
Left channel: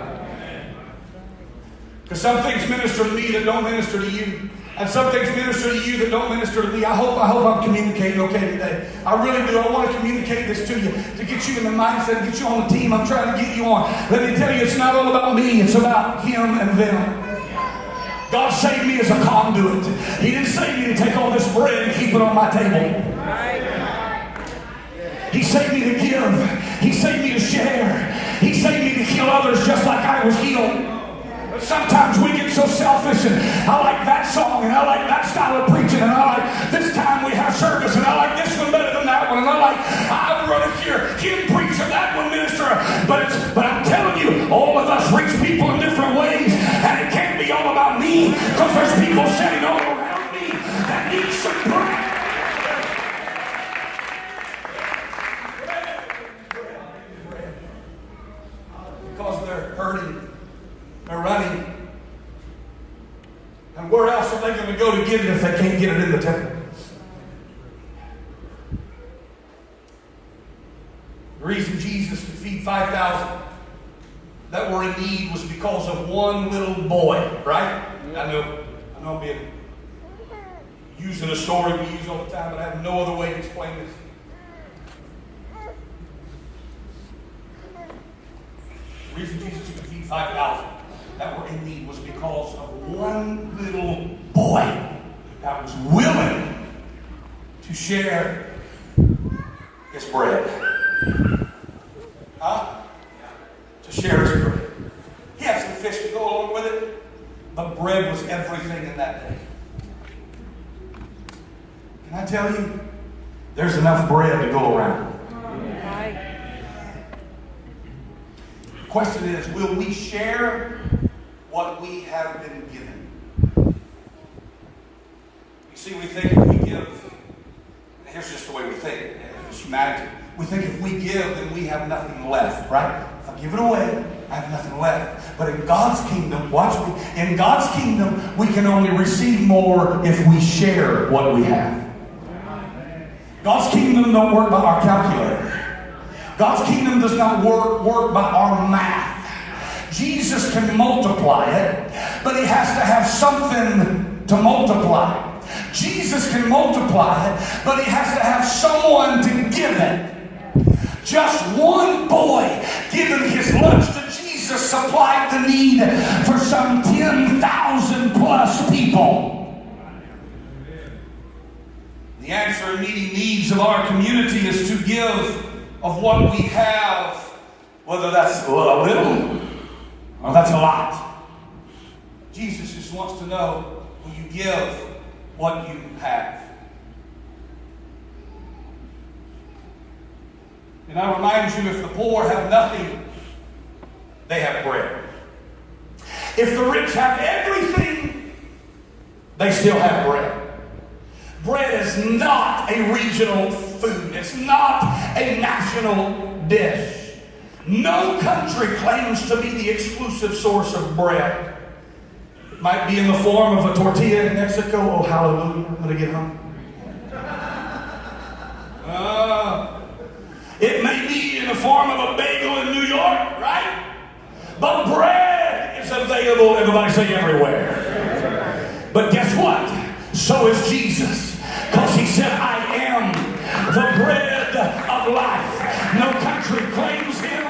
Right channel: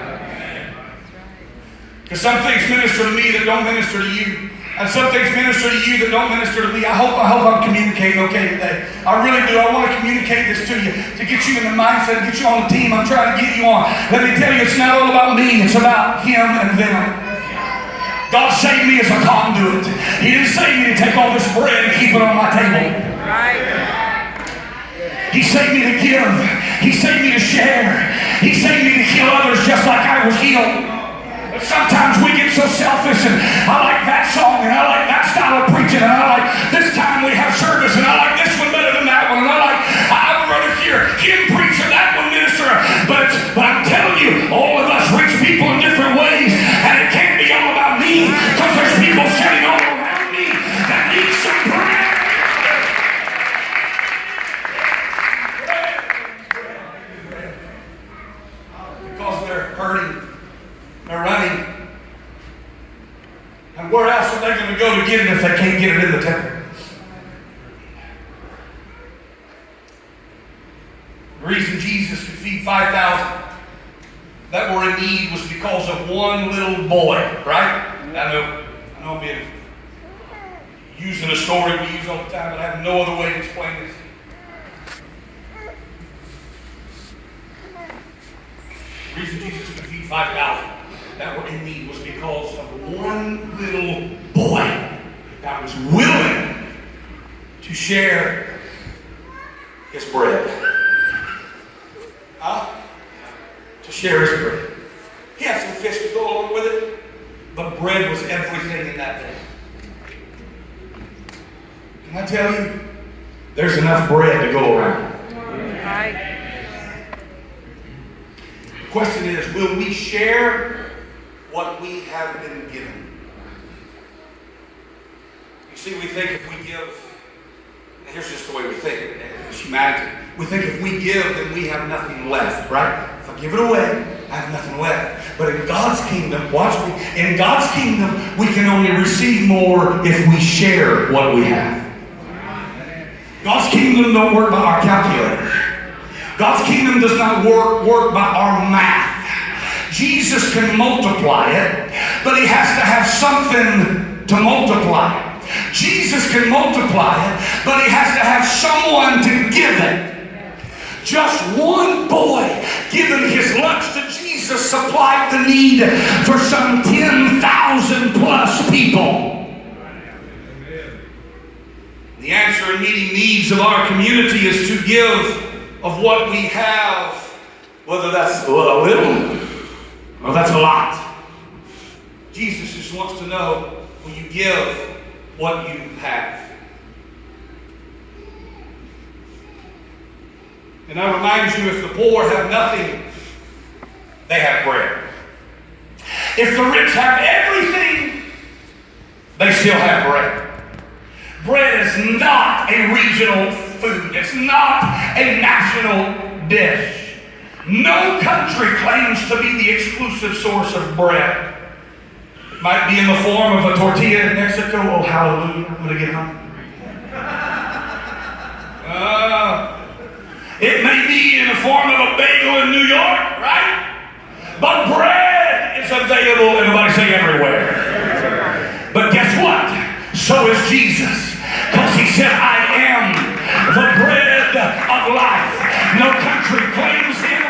Because some things minister to me that don't minister to you. And some things minister to you that don't minister to me. I hope I'm communicating okay today. I really do. I want to communicate this to you, to get you in the mindset, get you on the team I'm trying to get you on. Let me tell you, it's not all about me. It's about Him and them. God saved me as a conduit. He didn't save me to take all this bread and keep it on my table. He saved me to give. He saved me to share. He saved me to heal others just like I was healed. But sometimes we get so selfish, and I like that song, and I like that style of preaching, and I like this time we have service, and I like this one better than that one, and I would rather hear him preach and that one minister. But I'm telling you, all of us reach people in different ways, and it can't be all about me, because there's people sitting all around me that need some prayer. Because they're hurting, they're running, And where else are they going to go to get it if they can't get it in the temple? The reason Jesus could feed 5,000 that were in need was because of one little boy, right? I know I'm being using a story we use all the time, but I have no other way to explain this. The reason Jesus could feed 5,000 that were in need was because of one little boy that was willing to share his bread. To share his bread. He had some fish to go along with it, but bread was everything in that day. Can I tell you, there's enough bread to go around. The question is, will we share what we have been given? You see, we think if we give, and here's just the way we think, as humanity. We think if we give, then we have nothing left, right? If I give it away, I have nothing left. But in God's kingdom, watch me, in God's kingdom, we can only receive more if we share what we have. God's kingdom don't work by our calculator. God's kingdom does not work by our math. Jesus can multiply it, but he has to have something to multiply. Jesus can multiply it, but he has to have someone to give it. Just one boy giving his lunch to Jesus supplied the need for some 10,000 plus people. The answer in meeting needs of our community is to give of what we have, whether that's a little or that's a lot. Jesus just wants to know, will you give what you have? And I remind you, if the poor have nothing, they have bread. If the rich have everything, they still have bread. Bread is not a regional food. It's not a national dish. No country claims to be the exclusive source of bread. It might be in the form of a tortilla in Mexico. Oh, hallelujah. I'm going to get hungry. It may be in the form of a bagel in New York, right? But bread is available, everybody say everywhere. But guess what? So is Jesus. Because he said, I am the bread of life. No country claims him.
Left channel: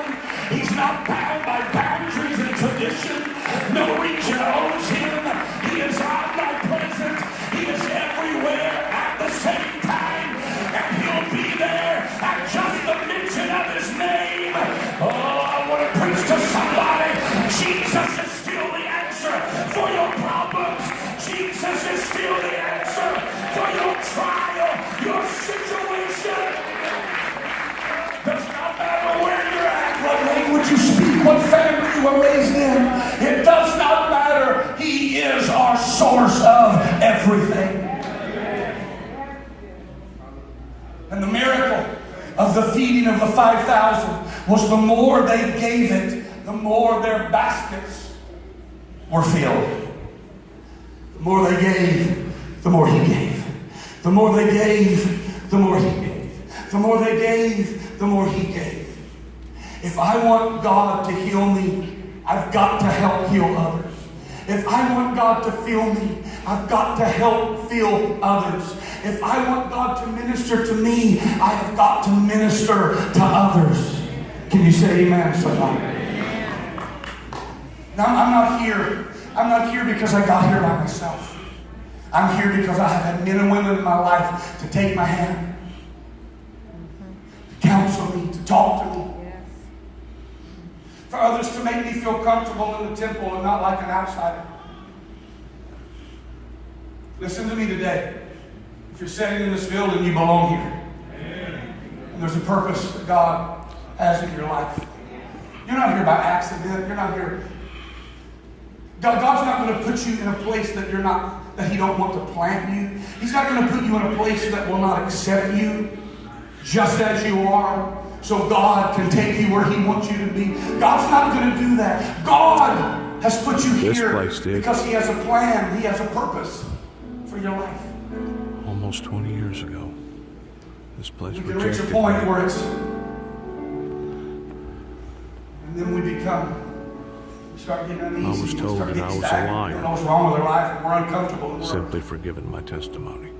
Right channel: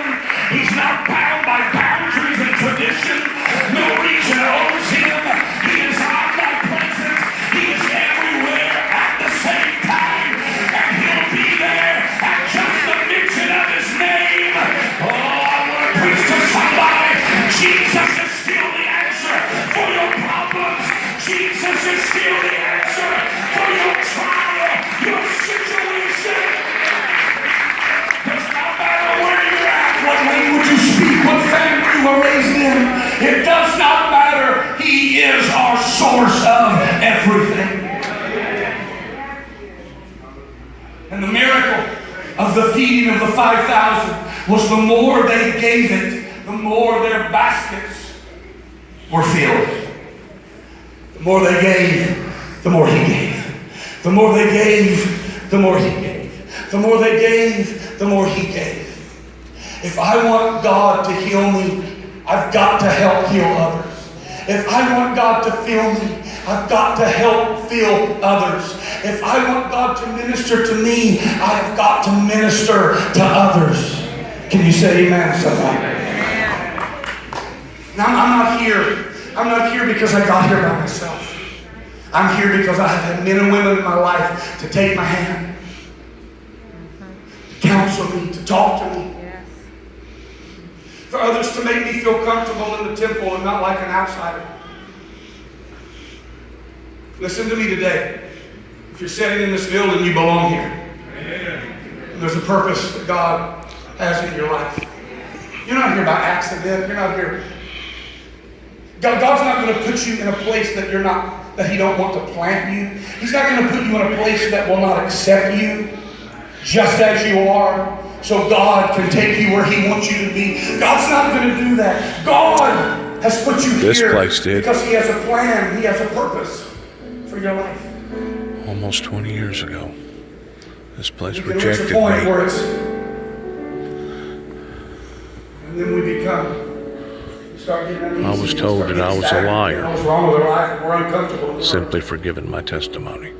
He's not bound by boundaries and tradition. No region owns him. He is omnipresent. He is everywhere at the same time. And he'll be there at just the mention of his name. Oh, I want to preach to somebody. Jesus is still the answer for your problems. Jesus is still the answer for your trial, your situation. Does not matter where you're at, what language you speak, what family you were raised in. It does not matter. He is our source of everything. And the miracle of the feeding of the 5,000 was the more they gave it, the more their baskets were filled. The more they gave, the more he gave. The more they gave, the more he gave. The more they gave, the more he gave. If I want God to heal me, I've got to help heal others. If I want God to fill me, I've got to help fill others. If I want God to minister to me, I've got to minister to others. Can you say amen, somebody? Now, I'm not here because I got here by myself. I'm here because I have had men and women in my life to take my hand, to counsel me, to talk to me. For others to make me feel comfortable in the temple and not like an outsider. Listen to me today. If you're sitting in this building, you belong here. And there's a purpose that God has in your life. You're not here by accident. You're not here. God's not going to put you in a place that He don't want to plant you. He's not going to put you in a place that will not accept you just as you are, so God can take you where He wants you to be. God's not going to do that. God has put you This here place did. because He has a plan, He has a purpose for your life. Almost 20 years ago, this place You can reach a rejected point me. where it's, and then we become. Start getting uneasy, I was told start that I getting was a stagnant. liar. What's wrong with our life? We're uncomfortable. Simply for giving my testimony.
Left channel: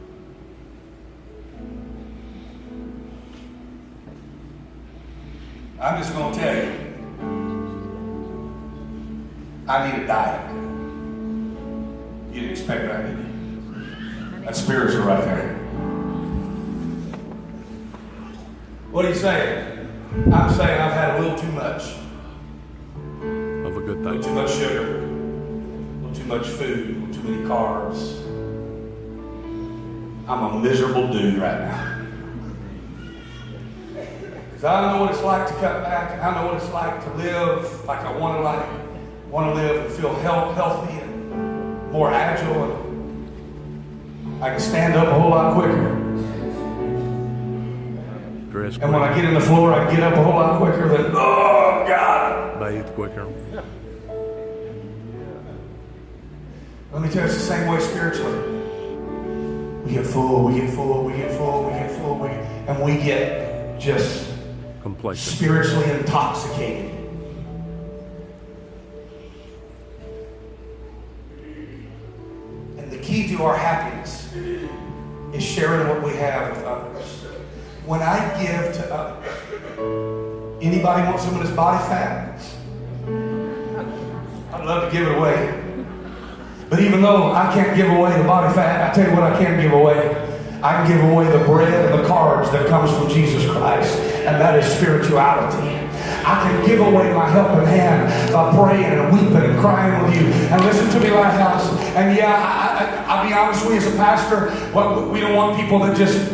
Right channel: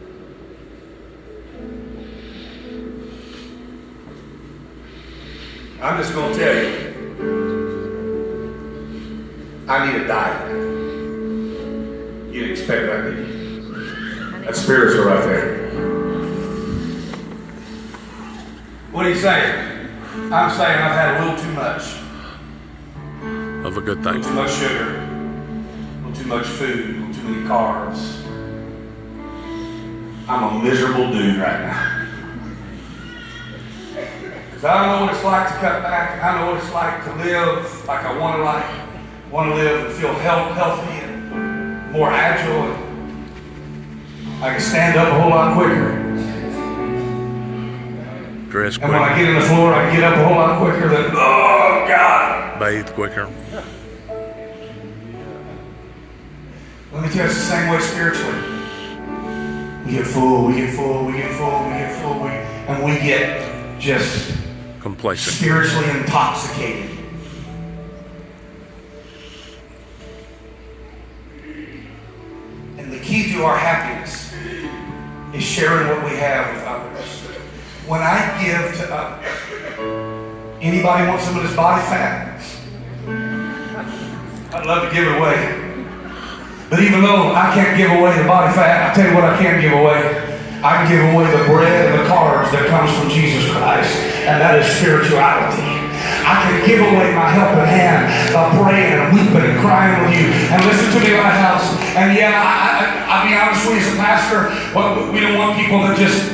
I'm just going to tell you, I need a diet. You didn't expect that, did you? That's spiritual right there. What are you saying? I'm saying I've had a little too much. Of a good A little thing. too much sugar. A little too much food. A little too many carbs. I'm a miserable dude right now. I don't know what it's like to cut back. I know what it's like to live like I want to live and feel healthy and more agile. And I can stand up a whole lot quicker. Dress And when I quicker. get in the floor, I can get up a whole lot quicker than, oh God. Bathe quicker. Let me tell you, it's the same way spiritually. We get full, we get full, we get full, we get full, and we get just Complacent. spiritually intoxicated. And the key to our happiness is sharing what we have with others. When I give to others, anybody want some of this body fat? I'd love to give it away. But even though I can't give away the body fat, I'll tell you what I can give away. I can give away the bread and the carbs that comes from Jesus Christ, and that is spirituality. I can give away my helping hand of praying and weeping and crying with you. And listen to me, Lighthouse. And yeah, I'll be honest with you as a pastor, well, we don't want people that just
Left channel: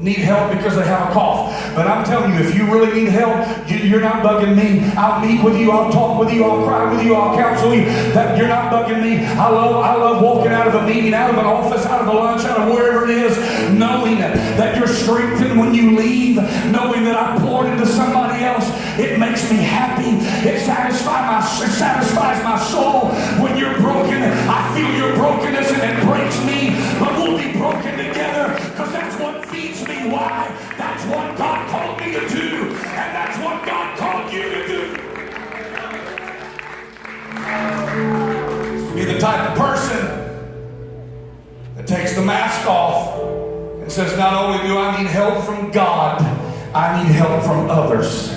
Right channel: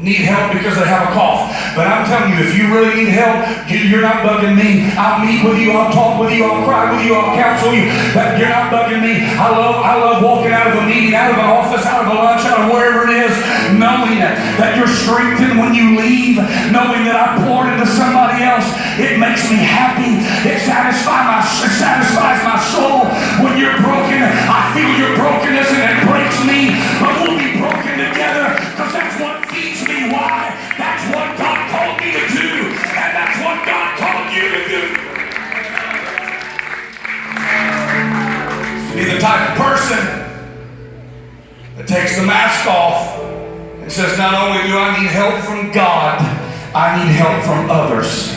need help because they have a cough. But I'm telling you, if you really need help, you're not bugging me. I'll meet with you, I'll talk with you, I'll cry with you, I'll counsel you. But you're not bugging me. I love walking out of a meeting, out of an office, out of a lunch, out of wherever it is, knowing that you're strengthened when you leave, knowing that I poured into somebody else. It makes me happy. It satisfies my soul. When you're broken, I feel your brokenness and it breaks me. But we'll be broken together because that's what feeds me. Why? That's what God called me to do. And that's what God called you to do. Be the type of person that takes the mask off and says, not only do I need help from God, I need help from others.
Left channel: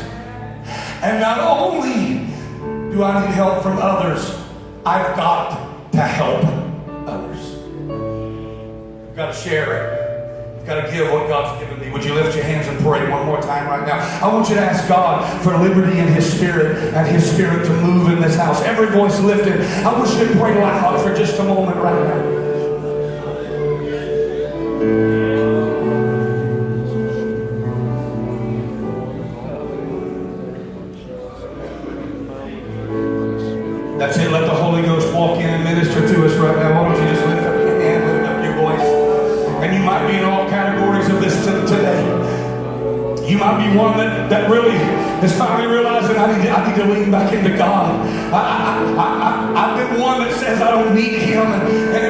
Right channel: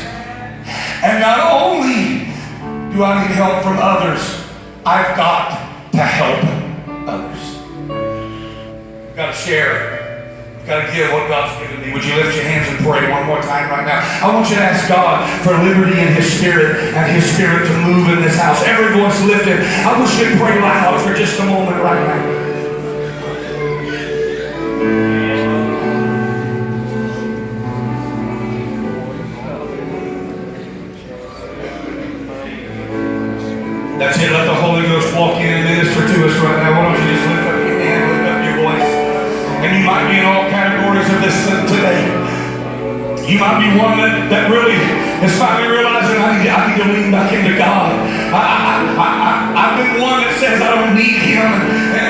And not only do I need help from others, I've got to help others. I've got to share. I've got to give what God's given me. Would you lift your hands and pray one more time right now? I want you to ask God for liberty in His Spirit and His Spirit to move in this house. Every voice lifted. I wish you'd pray loud for just a moment right now. That's it. Let the Holy Ghost walk in and minister to us right now. Why don't you just lift up your hand, lift up your voice. And you might be in all categories of this today. You might be one that really is finally realizing I need to lean back into God. I've been one that says I don't need Him,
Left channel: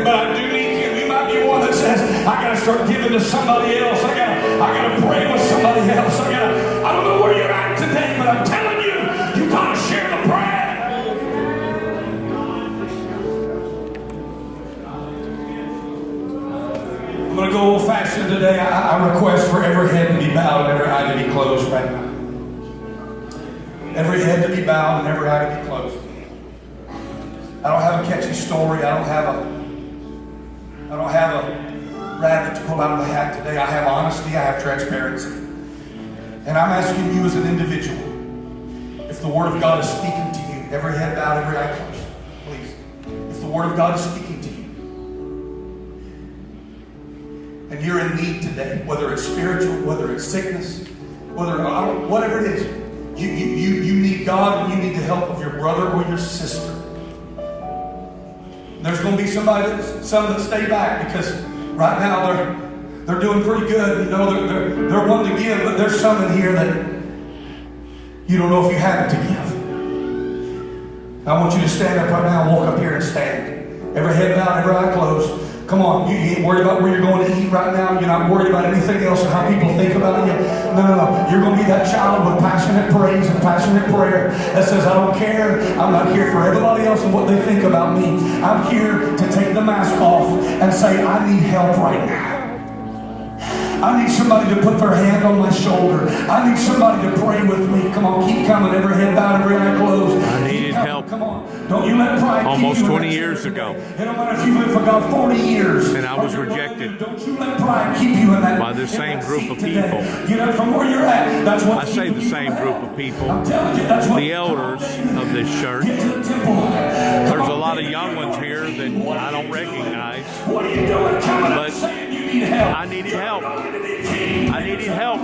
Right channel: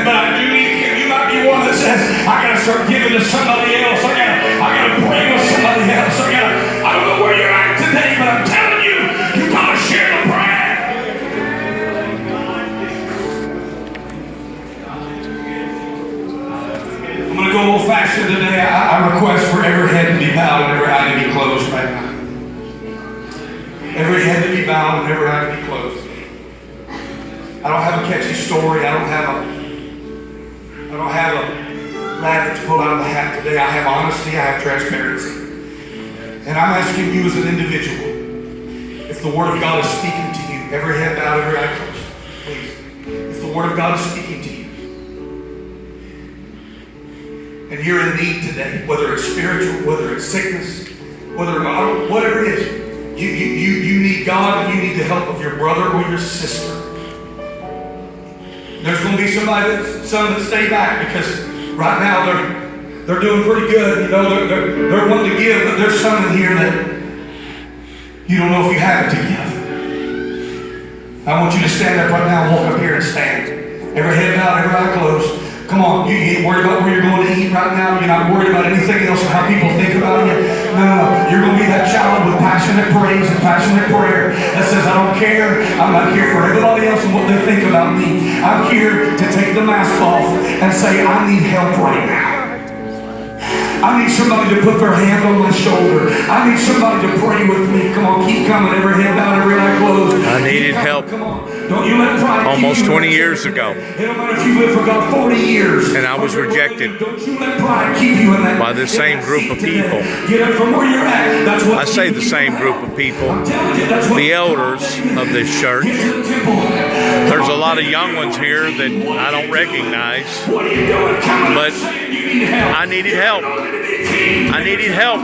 but I do need Him. You might be one that says I got to start giving to somebody else. I got to pray with somebody else. I don't know where you're at today, but I'm telling you, you got to share the prayer. I'm going to go old fashioned today. I request for every head to be bowed and every eye to be closed right now. Every head to be bowed and every eye to be closed. I don't have a catchy story. I don't have a rabbit to pull out of my hat today. I have honesty. I have transparency. And I'm asking you as an individual, if the Word of God is speaking to you, every head bowed, every eye closed, please. If the Word of God is speaking to you, and you're in need today, whether it's spiritual, whether it's sickness, whatever it is, you need God and you need the help of your brother or your sister. There's going to be some that stay back because right now they're doing pretty good. You know, they're wanting to give, but there's some in here that you don't know if you have it to give. I want you to stand up right now and walk up here and stand. Every head bowed, every eye closed. Come on, you ain't worried about where you're going to eat right now. You're not worried about anything else or how people think about you. No. You're going to be that child with passionate praise and passionate prayer that says, I don't care. I'm not here for everybody else and what they think about me. I'm here to take the mask off and say, I need help right now. I need somebody to put their hand on my shoulder. I need somebody to pray with me. Come on, keep coming. Every head bowed, every eye closed. I needed help. Come on. Don't you let pride Almost 20 years ago. You know what? If you lived for God 40 years. And I was rejected Don't you let pride keep you in that. by the same group of people. Get up from where you're at. That's what I say the same group of people. The elders of this church. There's a lot of young ones here that I don't recognize. But I needed help. I needed help.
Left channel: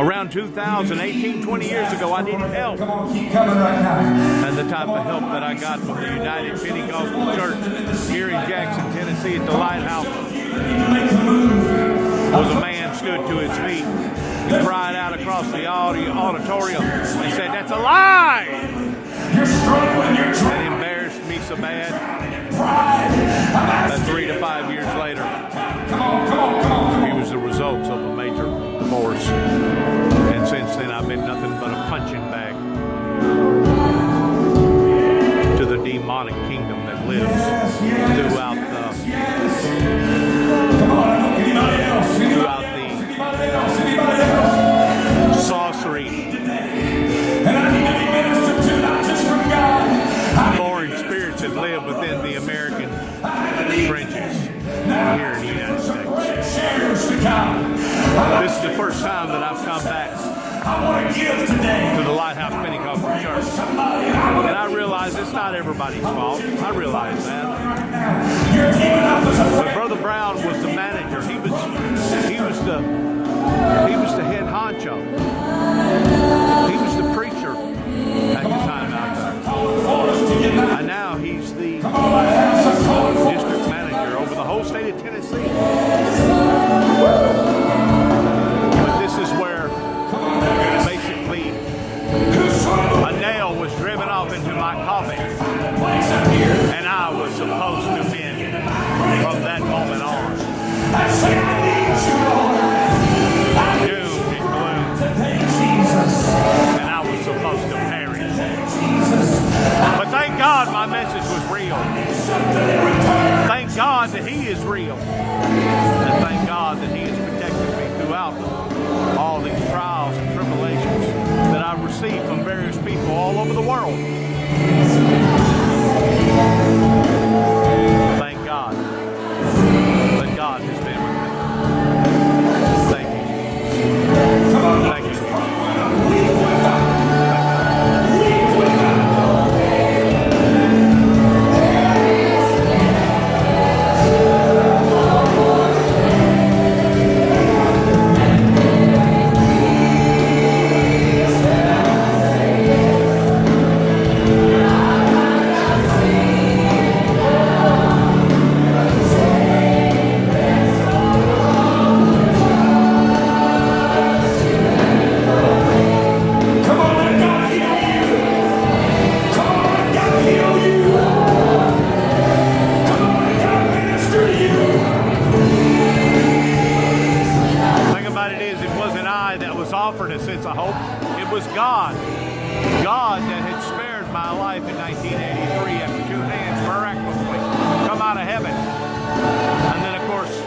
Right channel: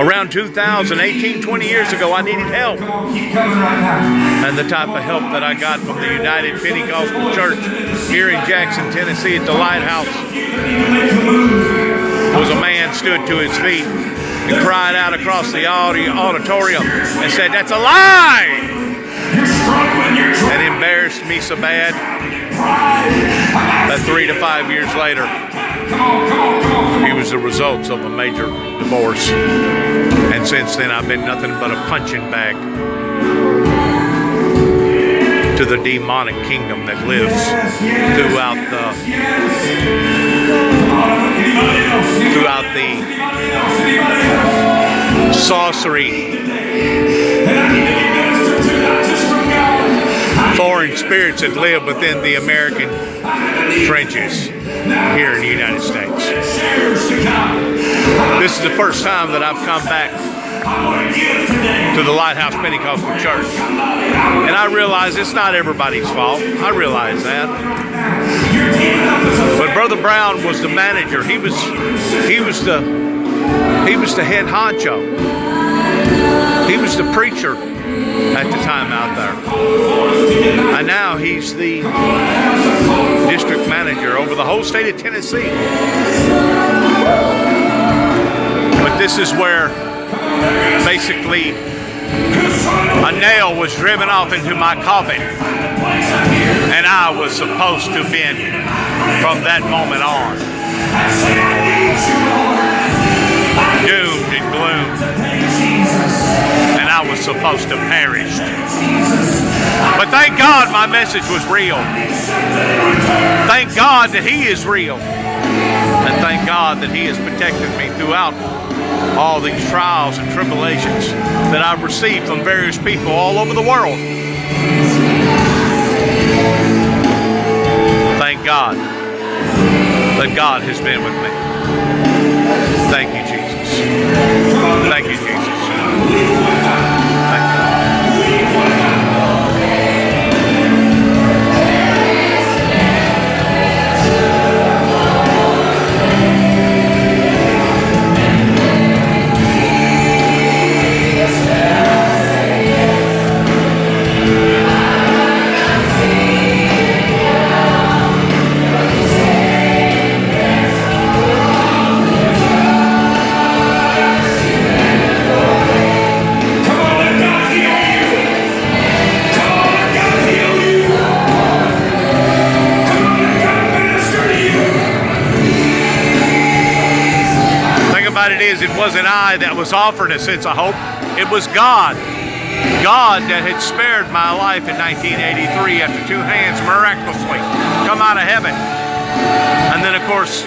Around 2018, 20 years ago, I needed help. And the type of help that I got from the United Pentecostal Church here in Jackson, Tennessee at the Lighthouse was a man stood to his feet and cried out across the auditorium and said, "That's a lie!" And embarrassed me so bad that 3 to 5 years later, he was the results of a major divorce. And since then, I've been nothing but a punching bag to the demonic kingdom that lives throughout the sorcery, foreign spirits that live within the American trenches here in the United States. This is the first time that I've come back to the Lighthouse Pentecostal Church. And I realize it's not everybody's fault. I realize that. But Brother Brown was the manager. He was the head honcho. He was the preacher at the time out there. And now he's the district manager over the whole state of Tennessee. But this is where basically a nail was driven off into my coffin. And I was supposed to bend from that moment on. Doomed and gloomed. And I was supposed to perish. But thank God my message was real. Thank God that He is real. And thank God that He has protected me throughout all these trials and tribulations that I've received from various people all over the world. Thank God that God has been with me. Thank you, Jesus. Thank you, Jesus. Thank you. It wasn't I that was offered a sense of hope. It was God. God that had spared my life in 1983 after two hands miraculously come out of heaven. And then, of course,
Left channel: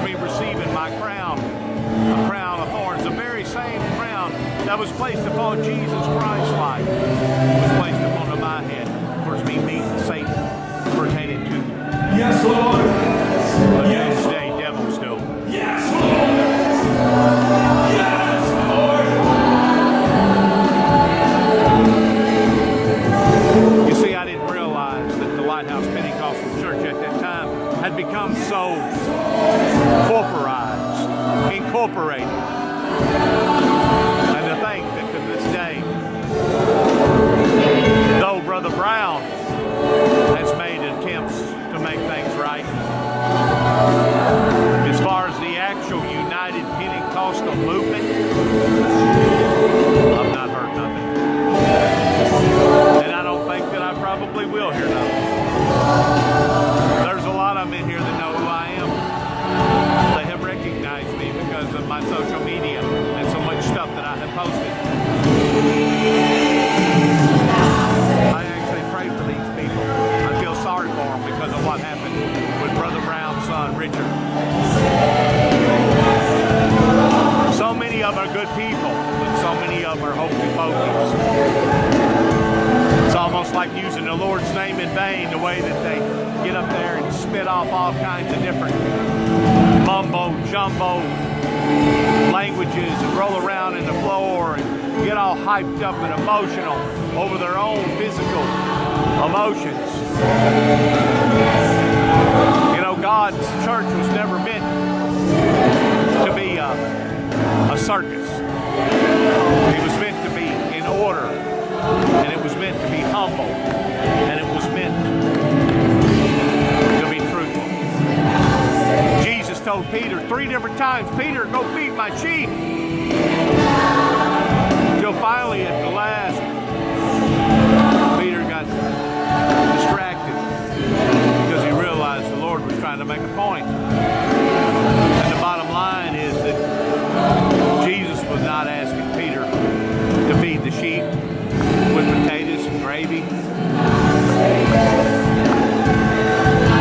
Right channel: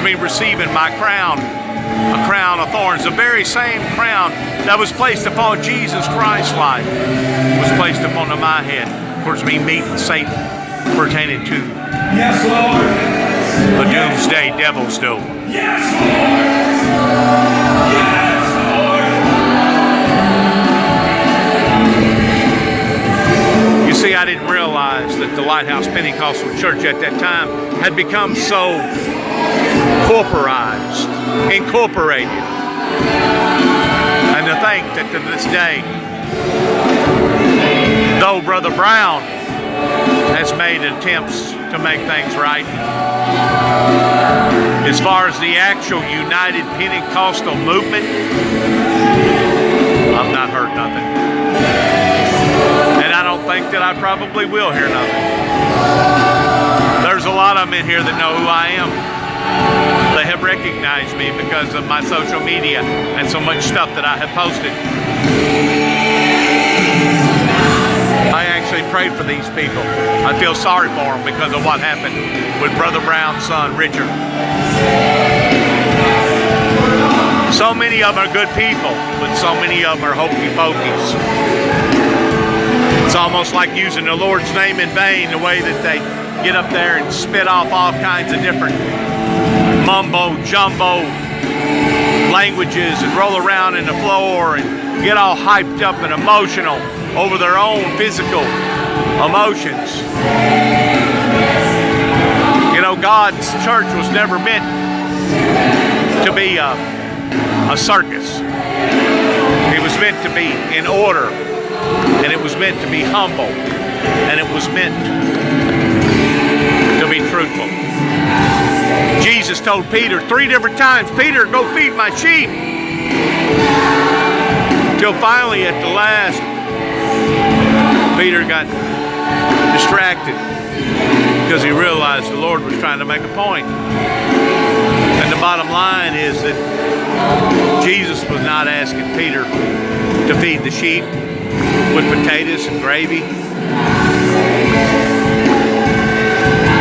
me receiving my crown, a crown of thorns, the very same crown that was placed upon Jesus Christ's life was placed upon my head. Of course, me meeting Satan pertaining to yes, Lord. A doomsday devil's doom. Yes, Lord. Yes, Lord. You see, I didn't realize that the Lighthouse Pentecostal Church at that time had become so corporized, incorporated. And to think that to this day, though Brother Brown has made attempts to make things right, as far as the actual United Pentecostal movement, I've not heard nothing. And I don't think that I probably will hear nothing. There's a lot of them in here that know who I am. They have recognized me because of my social media and so much stuff that I have posted. I actually prayed for these people. I feel sorry for them because of what happened with Brother Brown's son, Richard. So many of them are good people, but so many of them are hokey pokies. It's almost like using the Lord's name in vain, the way that they get up there and spit off all kinds of different mumbo jumbo languages and roll around in the floor and get all hyped up and emotional over their own physical emotions. You know, God's church was never meant to be a circus. It was meant to be in order, and it was meant to be humble, and it was meant to be truthful. Jesus told Peter 3 different times, Peter, go feed my sheep. Till finally at the last, Peter got distracted because he realized the Lord was trying to make a point. And the bottom line is that Jesus was not asking Peter to feed the sheep with potatoes and gravy,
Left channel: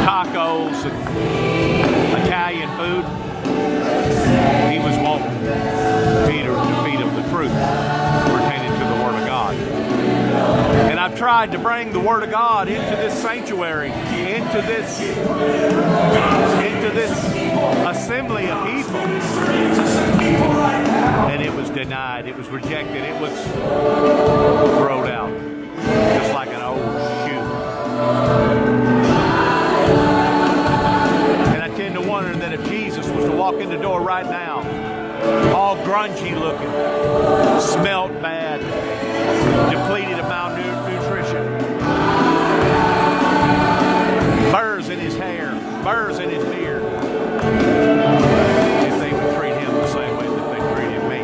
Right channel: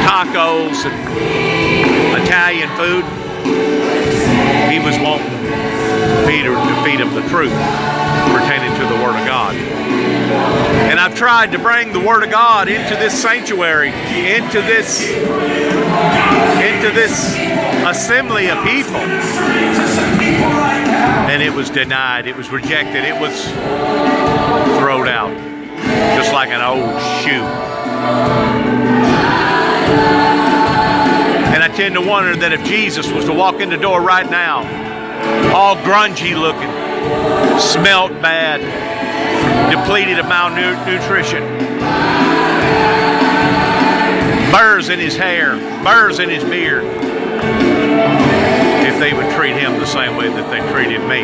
tacos and Italian food. He was wanting Peter to feed him the truth pertaining to the Word of God. And I've tried to bring the Word of God into this sanctuary, into this assembly of people. And it was denied, it was rejected, it was thrown out, just like an old shoe. And I tend to wonder that if Jesus was to walk in the door right now, all grungy looking, smelt bad, depleted of malnutrition, burrs in his hair, burrs in his beard, if they would treat him the same way that they treated me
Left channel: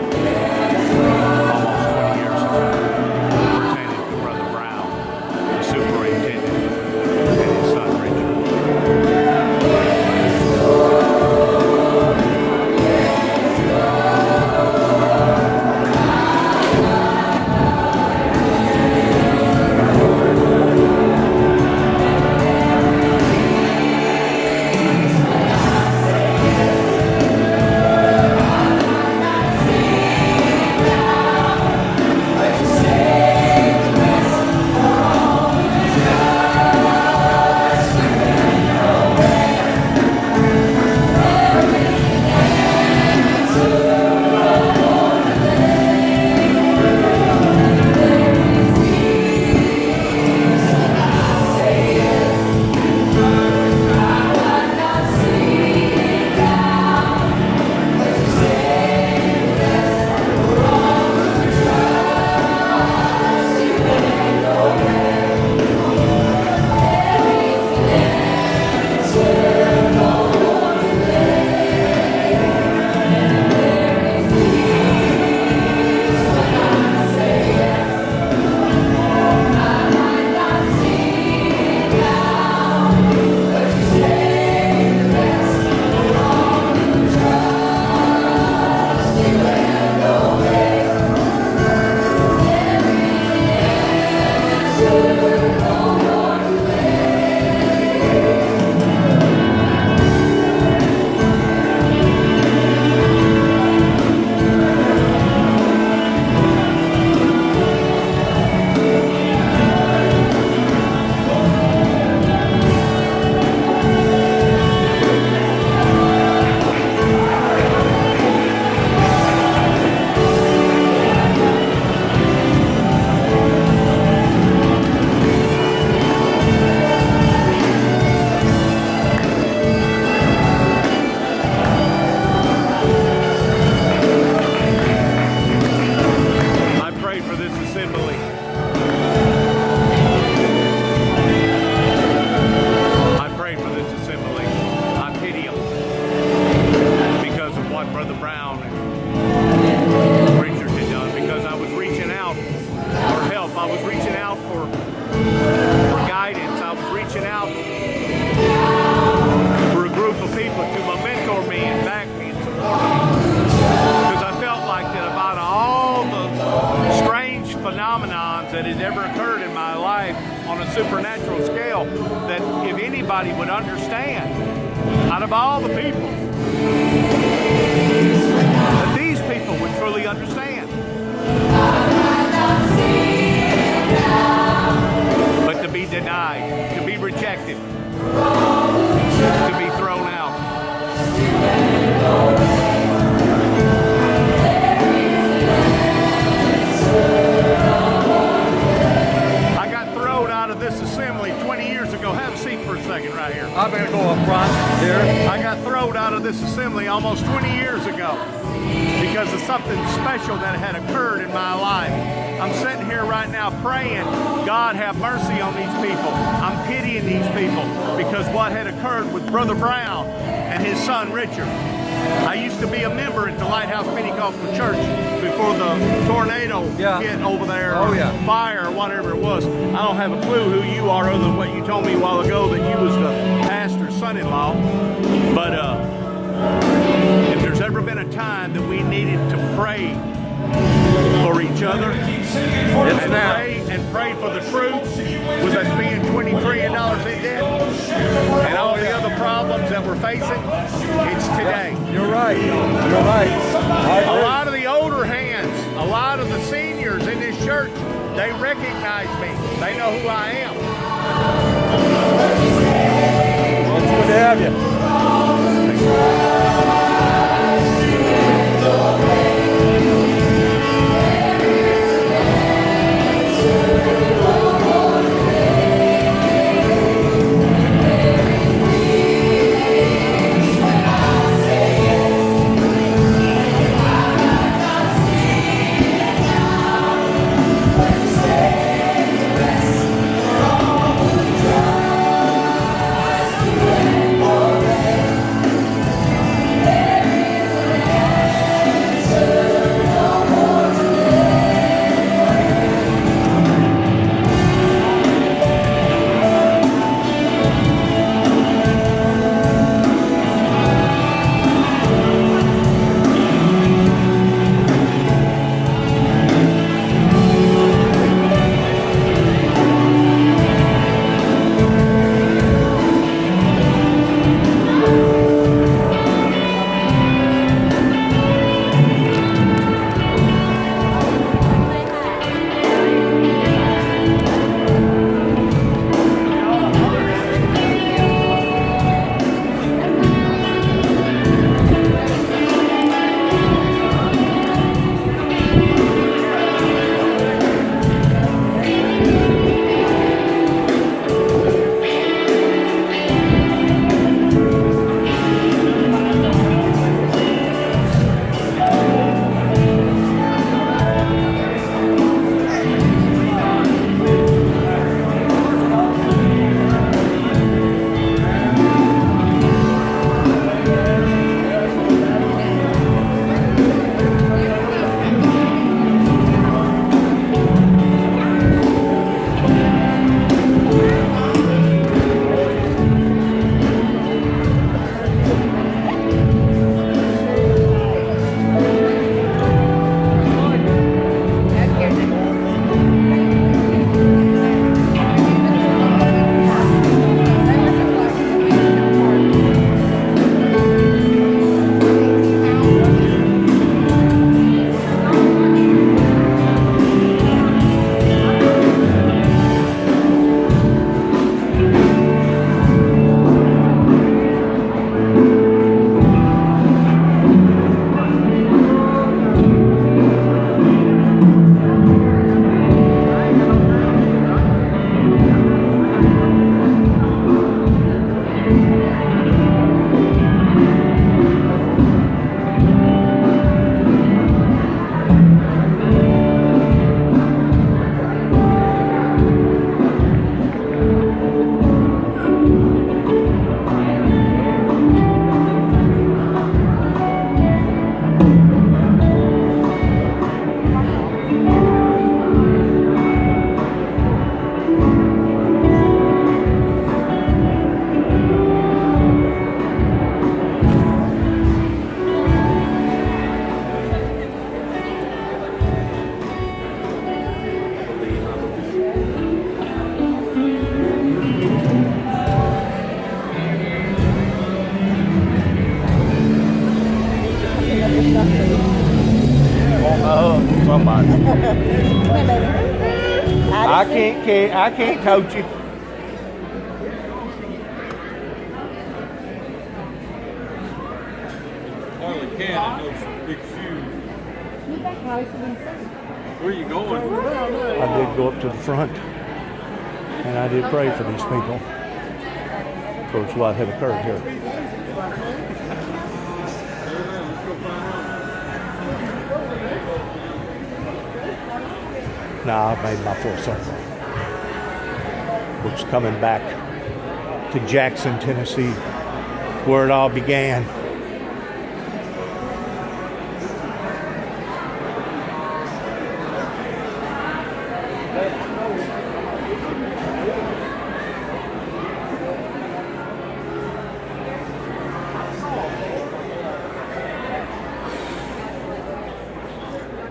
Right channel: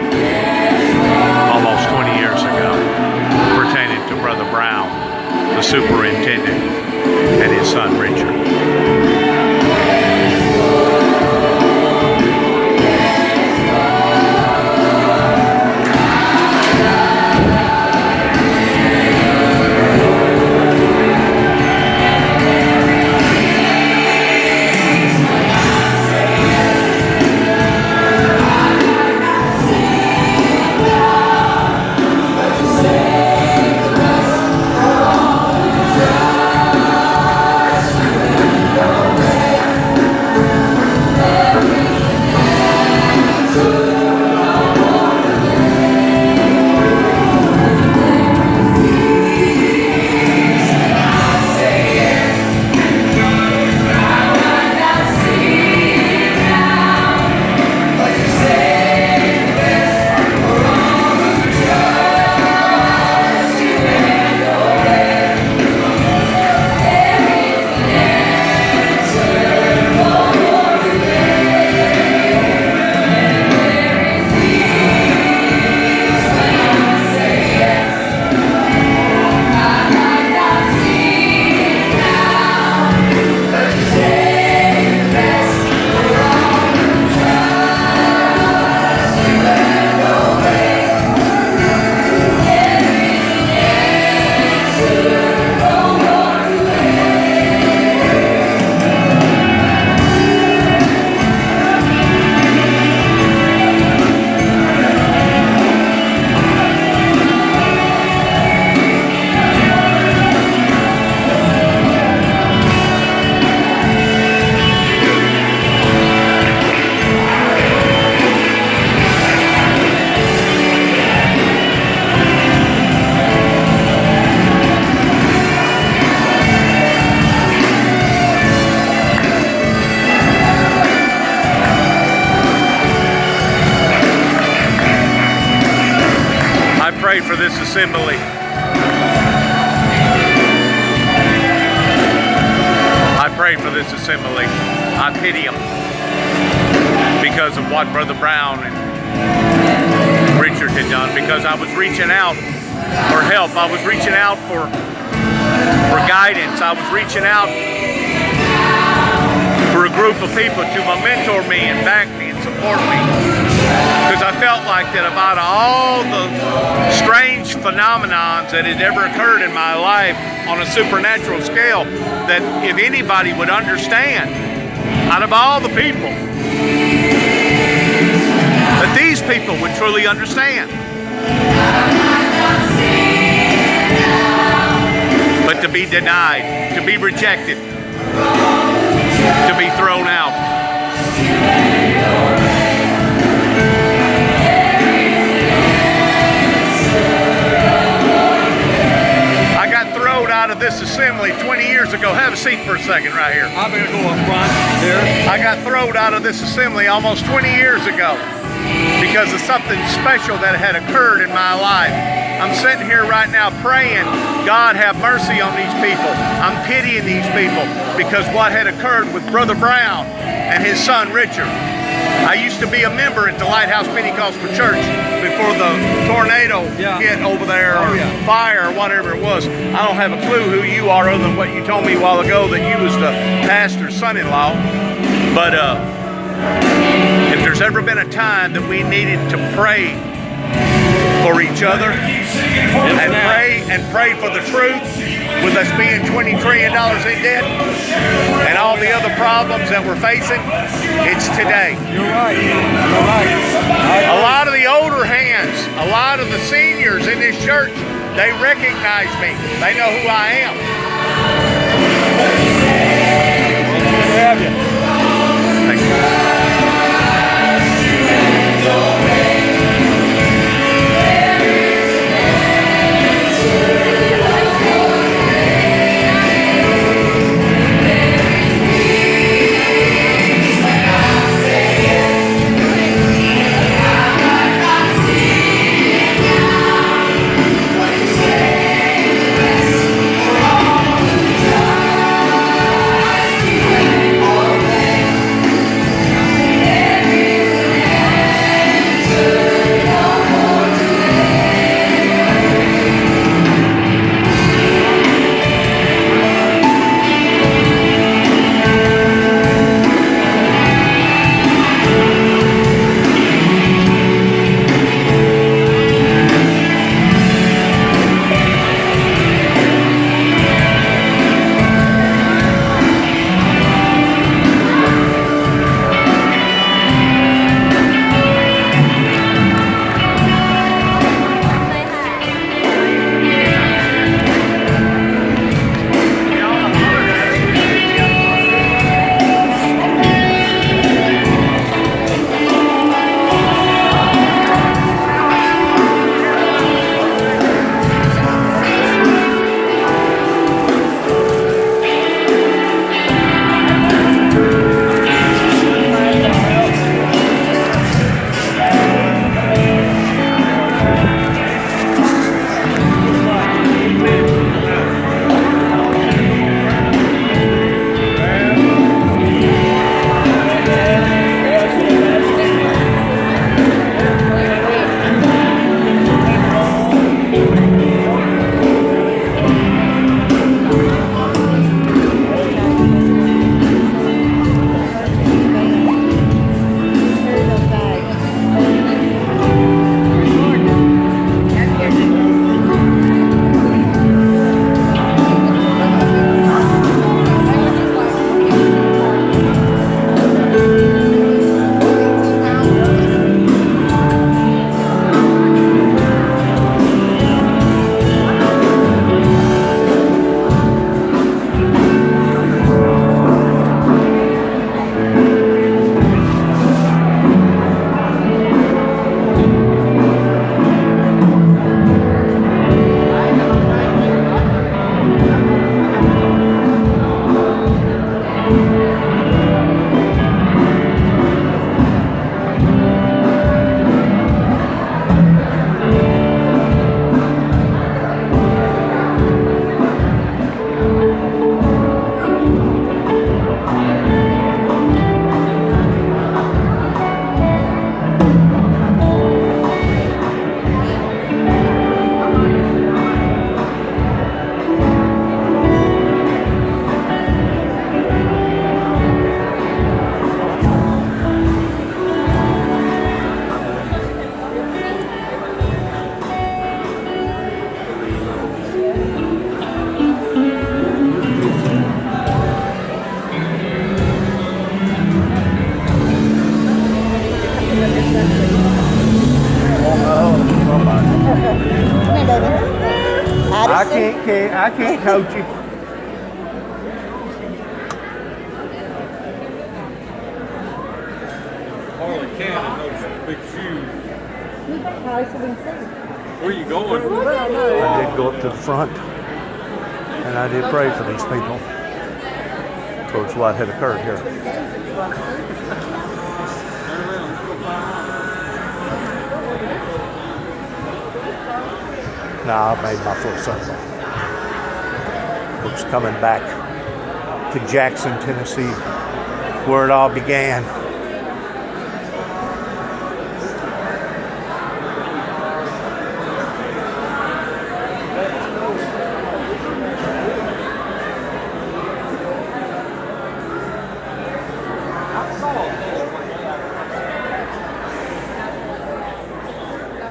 almost 20 years ago, pertaining to Brother Brown, the superintendent, and his son Richard. For this assembly. I pray for this assembly. I pity them because of what Brother Brown and Richard had done, because I was reaching out for help. I was reaching out for guidance. I was reaching out for a group of people to mentor me and back me and support me. Because I felt like that about all the strange phenomenons that had ever occurred in my life on a supernatural scale, that if anybody would understand, out of all the people, that these people would truly understand. But to be denied, to be rejected, to be thrown out. I got thrown out of this assembly 20 years ago. Have a seat for a second right here. I'm going to go up front here. I got thrown out of this assembly almost 20 years ago because of something special that had occurred in my life. I'm sitting here right now praying, God have mercy on these people. I'm pitying these people because what had occurred with Brother Brown and his son Richard. I used to be a member at the Lighthouse Pentecostal Church before the tornado hit over there, or fire, or whatever it was. I don't have a clue who you are other than what you told me a while ago, that you was the pastor's son-in-law. But if there's ever been a time that we needed to pray for each other and pray for the truth, with us being $20 trillion in debt and all the other problems that we're facing, it's today. You're right. You're right. A lot of the older hands, a lot of the seniors in this church, they recognize me. They know who I am. It's good to have you. Thank you. can't coach you. Harley Cannon, those big shoes. Where you going? I did go up to the front, and I did pray for these people. Towards what had occurred here. Now I've made my full circle. Looks coming back to Jackson, Tennessee, where it all began.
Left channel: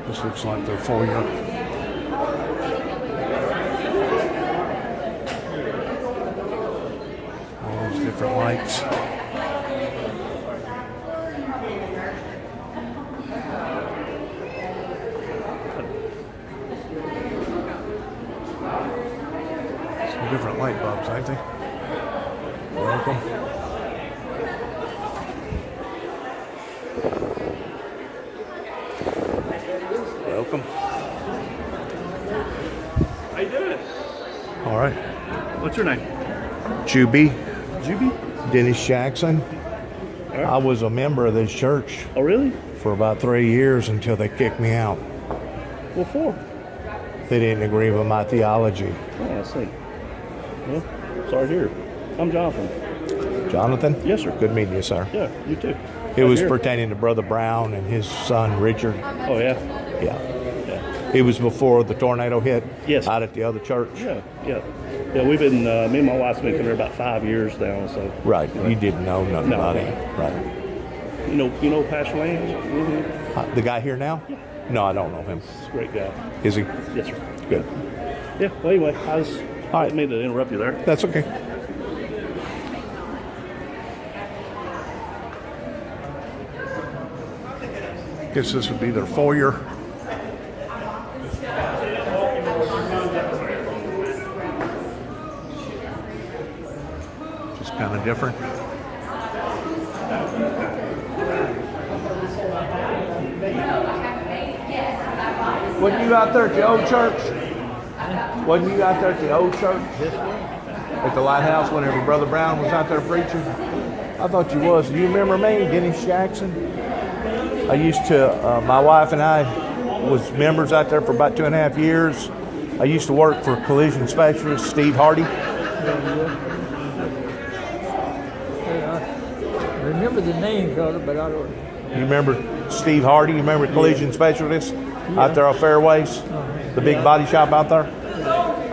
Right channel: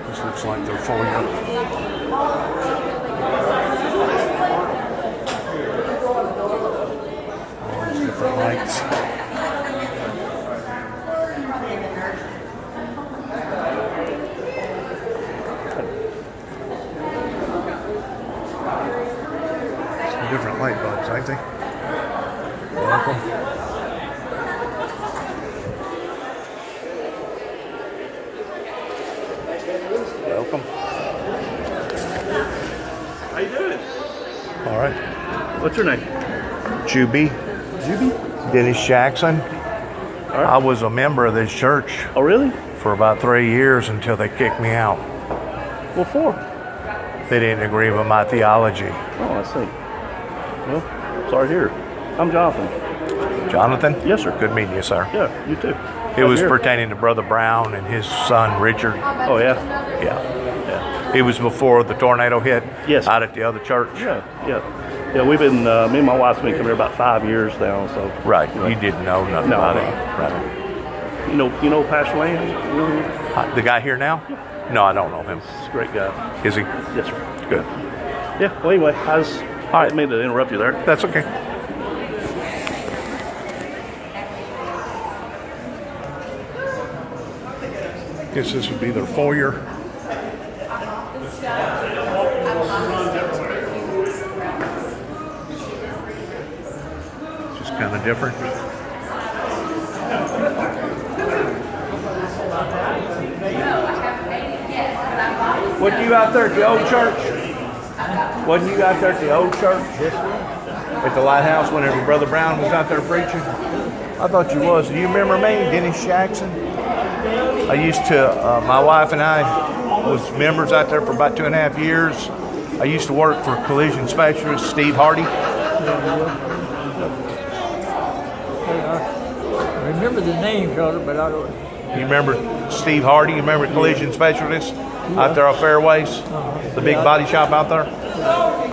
This looks like they're full yet. All these different lights. Some different light bulbs, aren't they? Welcome. Welcome. How you doing? All right. What's your name? Juby. Juby? Dennis Jackson. All right. I was a member of this church Oh, really? for about 3 years until they kicked me out. What for? They didn't agree with my theology. Oh, I see. Well, sorry to hear. I'm Jonathan. Jonathan? Yes, sir. Good meeting you, sir. Yeah, you too. It was Here. pertaining to Brother Brown and his son Richard. Oh, yeah? Yeah. Yeah. It was before the tornado hit. Yes. Out at the other church. Yeah, yeah. Yeah, we've been, me and my wife's been coming here about 5 years now, so. Right. You didn't know nothing No, about no. it. Right. You know Pastor Lane? The guy here now? No, I don't know him. He's a great guy. Is he? Yes, sir. Good. Yeah, well, anyway, I right. didn't mean to interrupt you there. That's okay. Guess this would be the foyer. Just kind of different. Wasn't you out there at the old church? Wasn't you out there at the old church? Yes, sir. At the Lighthouse whenever Brother Brown was out there preaching? I thought you was. Do you remember me, Dennis Jackson? I used to, my wife and I was members out there for about 2.5 years. I used to work for collision specialist Steve Hardy. I remember the name, Carter, but I don't. You remember Steve Hardy? You remember collision specialist out there on Fairways? The big body shop out there?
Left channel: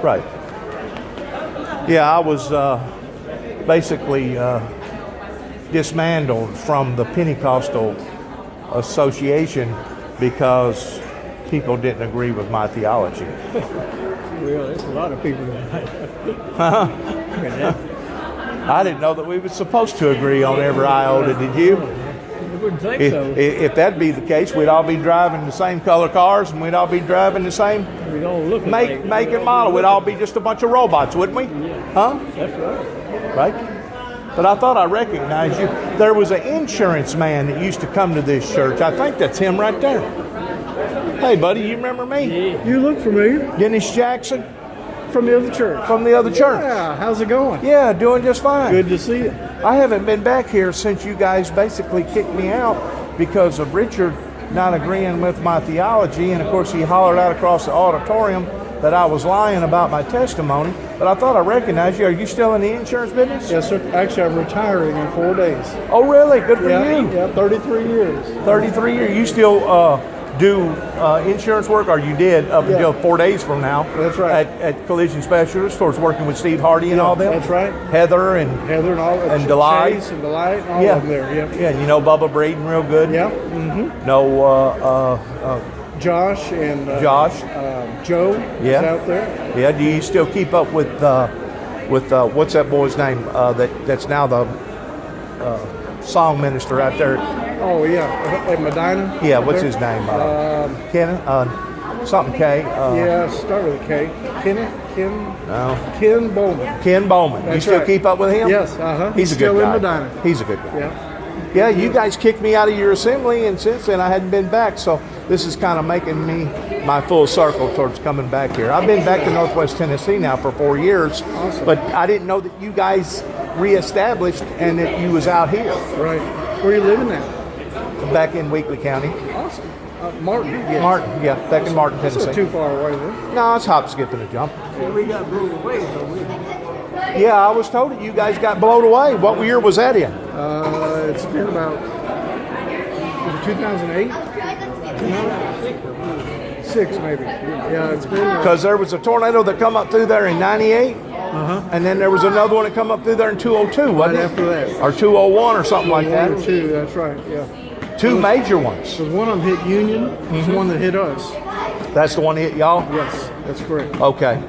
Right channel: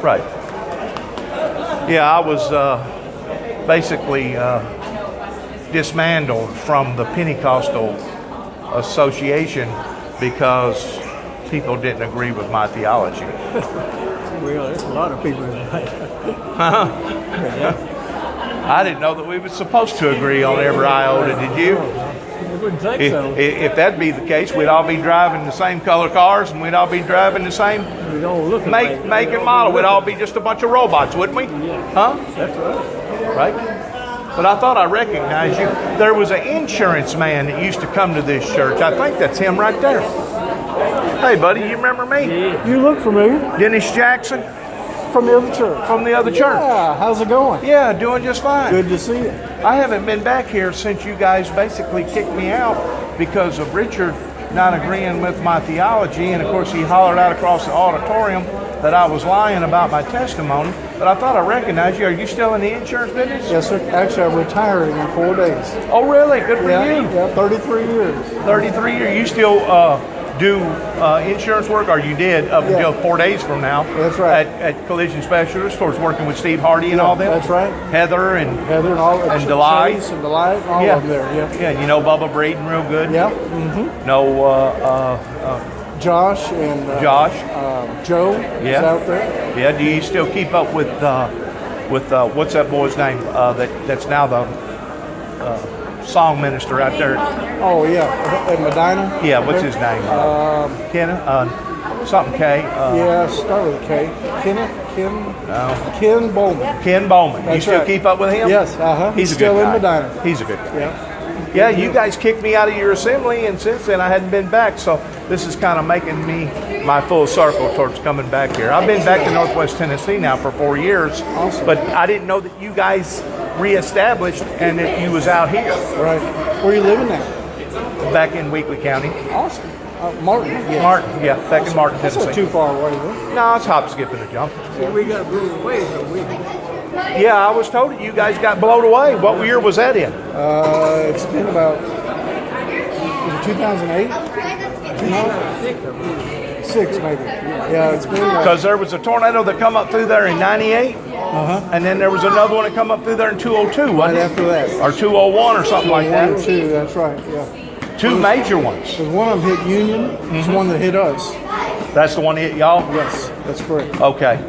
Right. Yeah, I was basically dismantled from the Pentecostal Association because people didn't agree with my theology. Well, there's a lot of people. I didn't know that we were supposed to agree on every iota, did you? I wouldn't think If, so. if that'd be the case, we'd all be driving the same color cars and we'd all be driving the same We don't look make and model. We'd all be just a bunch of robots, wouldn't we? Yeah. Huh? That's right. Right? But I thought I recognized you. There was an insurance man that used to come to this church. I think that's him right there. Hey, buddy, you remember me? You look familiar Dennis Jackson from the other church. from the other church. Yeah, how's it going? Yeah, doing just fine. Good to see you. I haven't been back here since you guys basically kicked me out because of Richard not agreeing with my theology. And of course, he hollered out across the auditorium that I was lying about my testimony. But I thought I recognized you. Are you still in the insurance business? Yes, sir. Actually, I'm retiring in 4 days. Oh, really? Good for you. Yeah, 33 years. 33 years. You still do insurance work, or you did up until 4 days from now. That's right. At Collision Specialist, towards working with Steve Hardy and all that. That's right. Heather and all and Delight. Chase and Delight, and all of them there. Yeah. Yeah, and you know Bubba Breeden real good. Yeah. Mm-hmm. No, Josh and Josh. Joe Yeah. is out there. Yeah. Do you still keep up with what's that boy's name? That's now the song minister out there. Oh yeah, at Medina. Yeah. What's his name? Kenneth. Something K. Yeah, start with a K. Kenneth. Ken Bowman. Ken Bowman. You That's still right. keep up with him? Yes, He's a good still guy. in Medina. He's a good guy. Yeah. Yeah, you guys kicked me out of your assembly, and since then I hadn't been back. So this is kind of making me my full circle towards coming back here. I've been back to Northwest Tennessee now for 4 years, Awesome. but I didn't know that you guys reestablished and that you was out here, Right. Where are you living now? back in Weakley County. Awesome. Martin. Yeah. Martin, yeah, back in Martin, That's Tennessee. not too far away then. No, it's hop, skip, and a jump. We got blown away, so we. Yeah, I was told that you guys got blown away. What year was that in? It's been about, was it 2008? No? 6 maybe. Yeah, it's been. Because there was a tornado that come up through there in 98, and then there was another one that come up through there in 202, Right wasn't it? after that. Or 201 or something like One or that. two, that's right, yeah. Two major ones. Because one of them hit Union, it's one that hit us. That's the one that hit y'all? Yes, that's correct. Okay.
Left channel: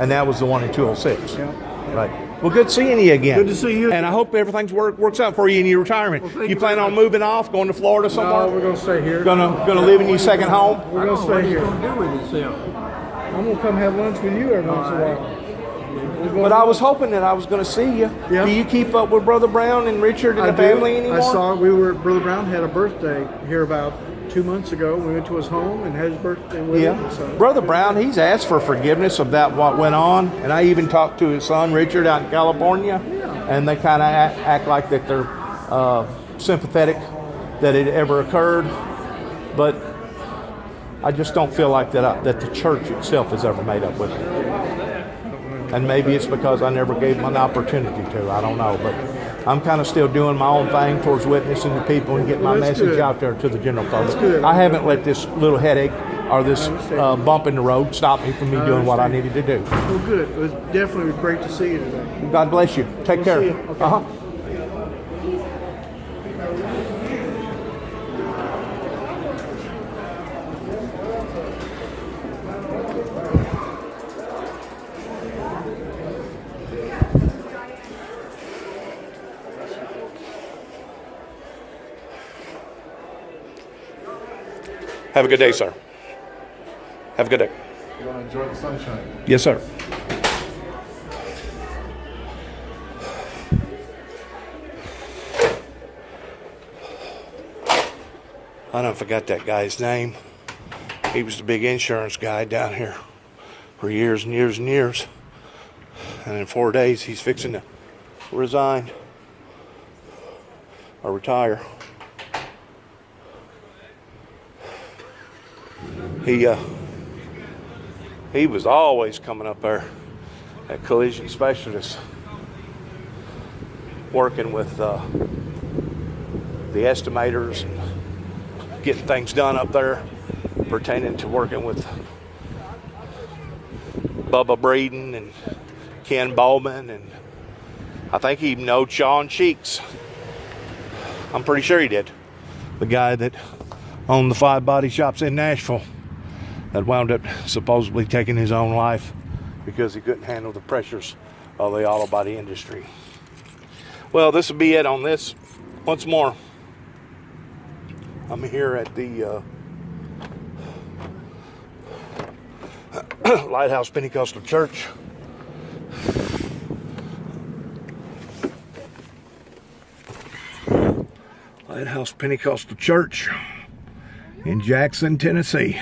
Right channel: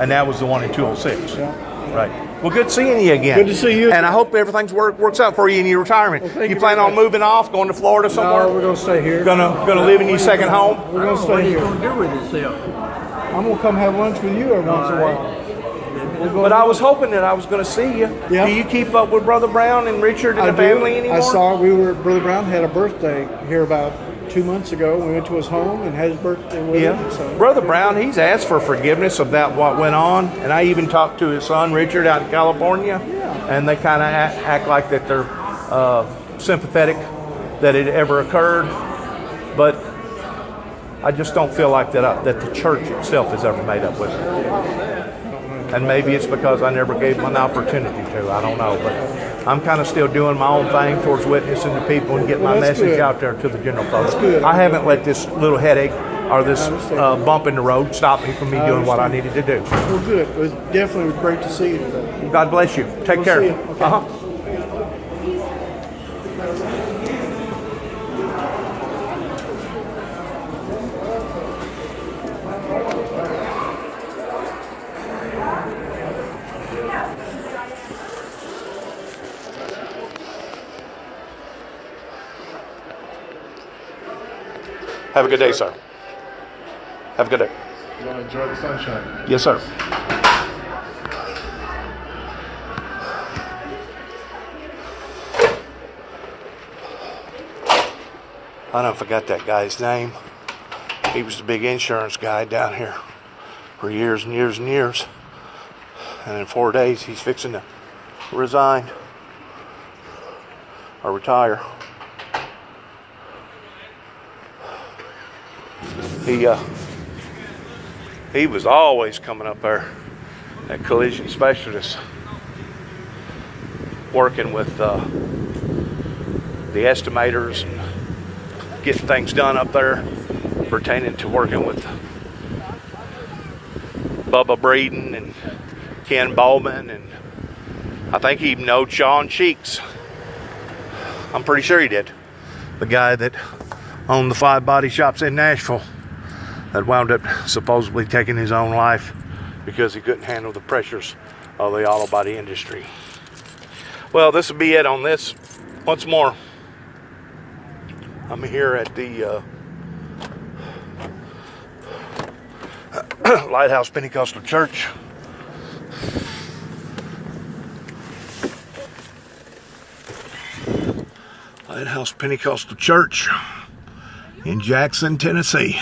And that was the one in 206. Yeah. Right. Well, good seeing you again. Good to see you. And I hope everything's works out for you in your retirement. Well, thank you you plan very on much. moving off, going to Florida somewhere? No, we're going to stay here. Gonna live in your second home? We're going to What stay are you here. gonna do with yourself? I'm going to come have lunch with you every once in a while. We'll go But to I lunch. was hoping that I was going to see you. Yeah. Do you keep up with Brother Brown and Richard and I the family do. anymore? I saw we were Brother Brown had a birthday here about 2 months ago. We went to his home and had his birthday with him. Yeah. So. Brother Brown, he's asked for forgiveness of that what went on, and I even talked to his son Richard out in California, and they kind of act like that they're sympathetic that it ever occurred, but I just don't feel like that the church itself has ever made up with it. And maybe it's because I never gave them an opportunity to. I don't know, but I'm kind of still doing my own thing towards witnessing to people and getting Well, my that's message good. out there to the general public. That's good. I haven't let this little headache or this I understand. bump in the road stop me from me doing what I understand. needed to do. Well, good. It was definitely great to see you today. God bless you. Take We'll care. see you. Okay. Uh-huh. Have a good day, sir. Have a good day. You want to enjoy the sunshine? Yes, sir. I don't forgot that guy's name. He was the big insurance guy down here for years and years and years. And in 4 days, he's fixing to resign or retire. He was always coming up there at Collision Specialist, working with the estimators and getting things done up there pertaining to working with Bubba Breeden and Ken Bowman, and I think he even knowed Sean Cheeks. I'm pretty sure he did. The guy that owned the 5 body shops in Nashville that wound up supposedly taking his own life because he couldn't handle the pressures of the auto body industry. Well, this will be it on this. Once more, I'm here at the Lighthouse Pentecostal Church. Lighthouse Pentecostal Church in Jackson, Tennessee.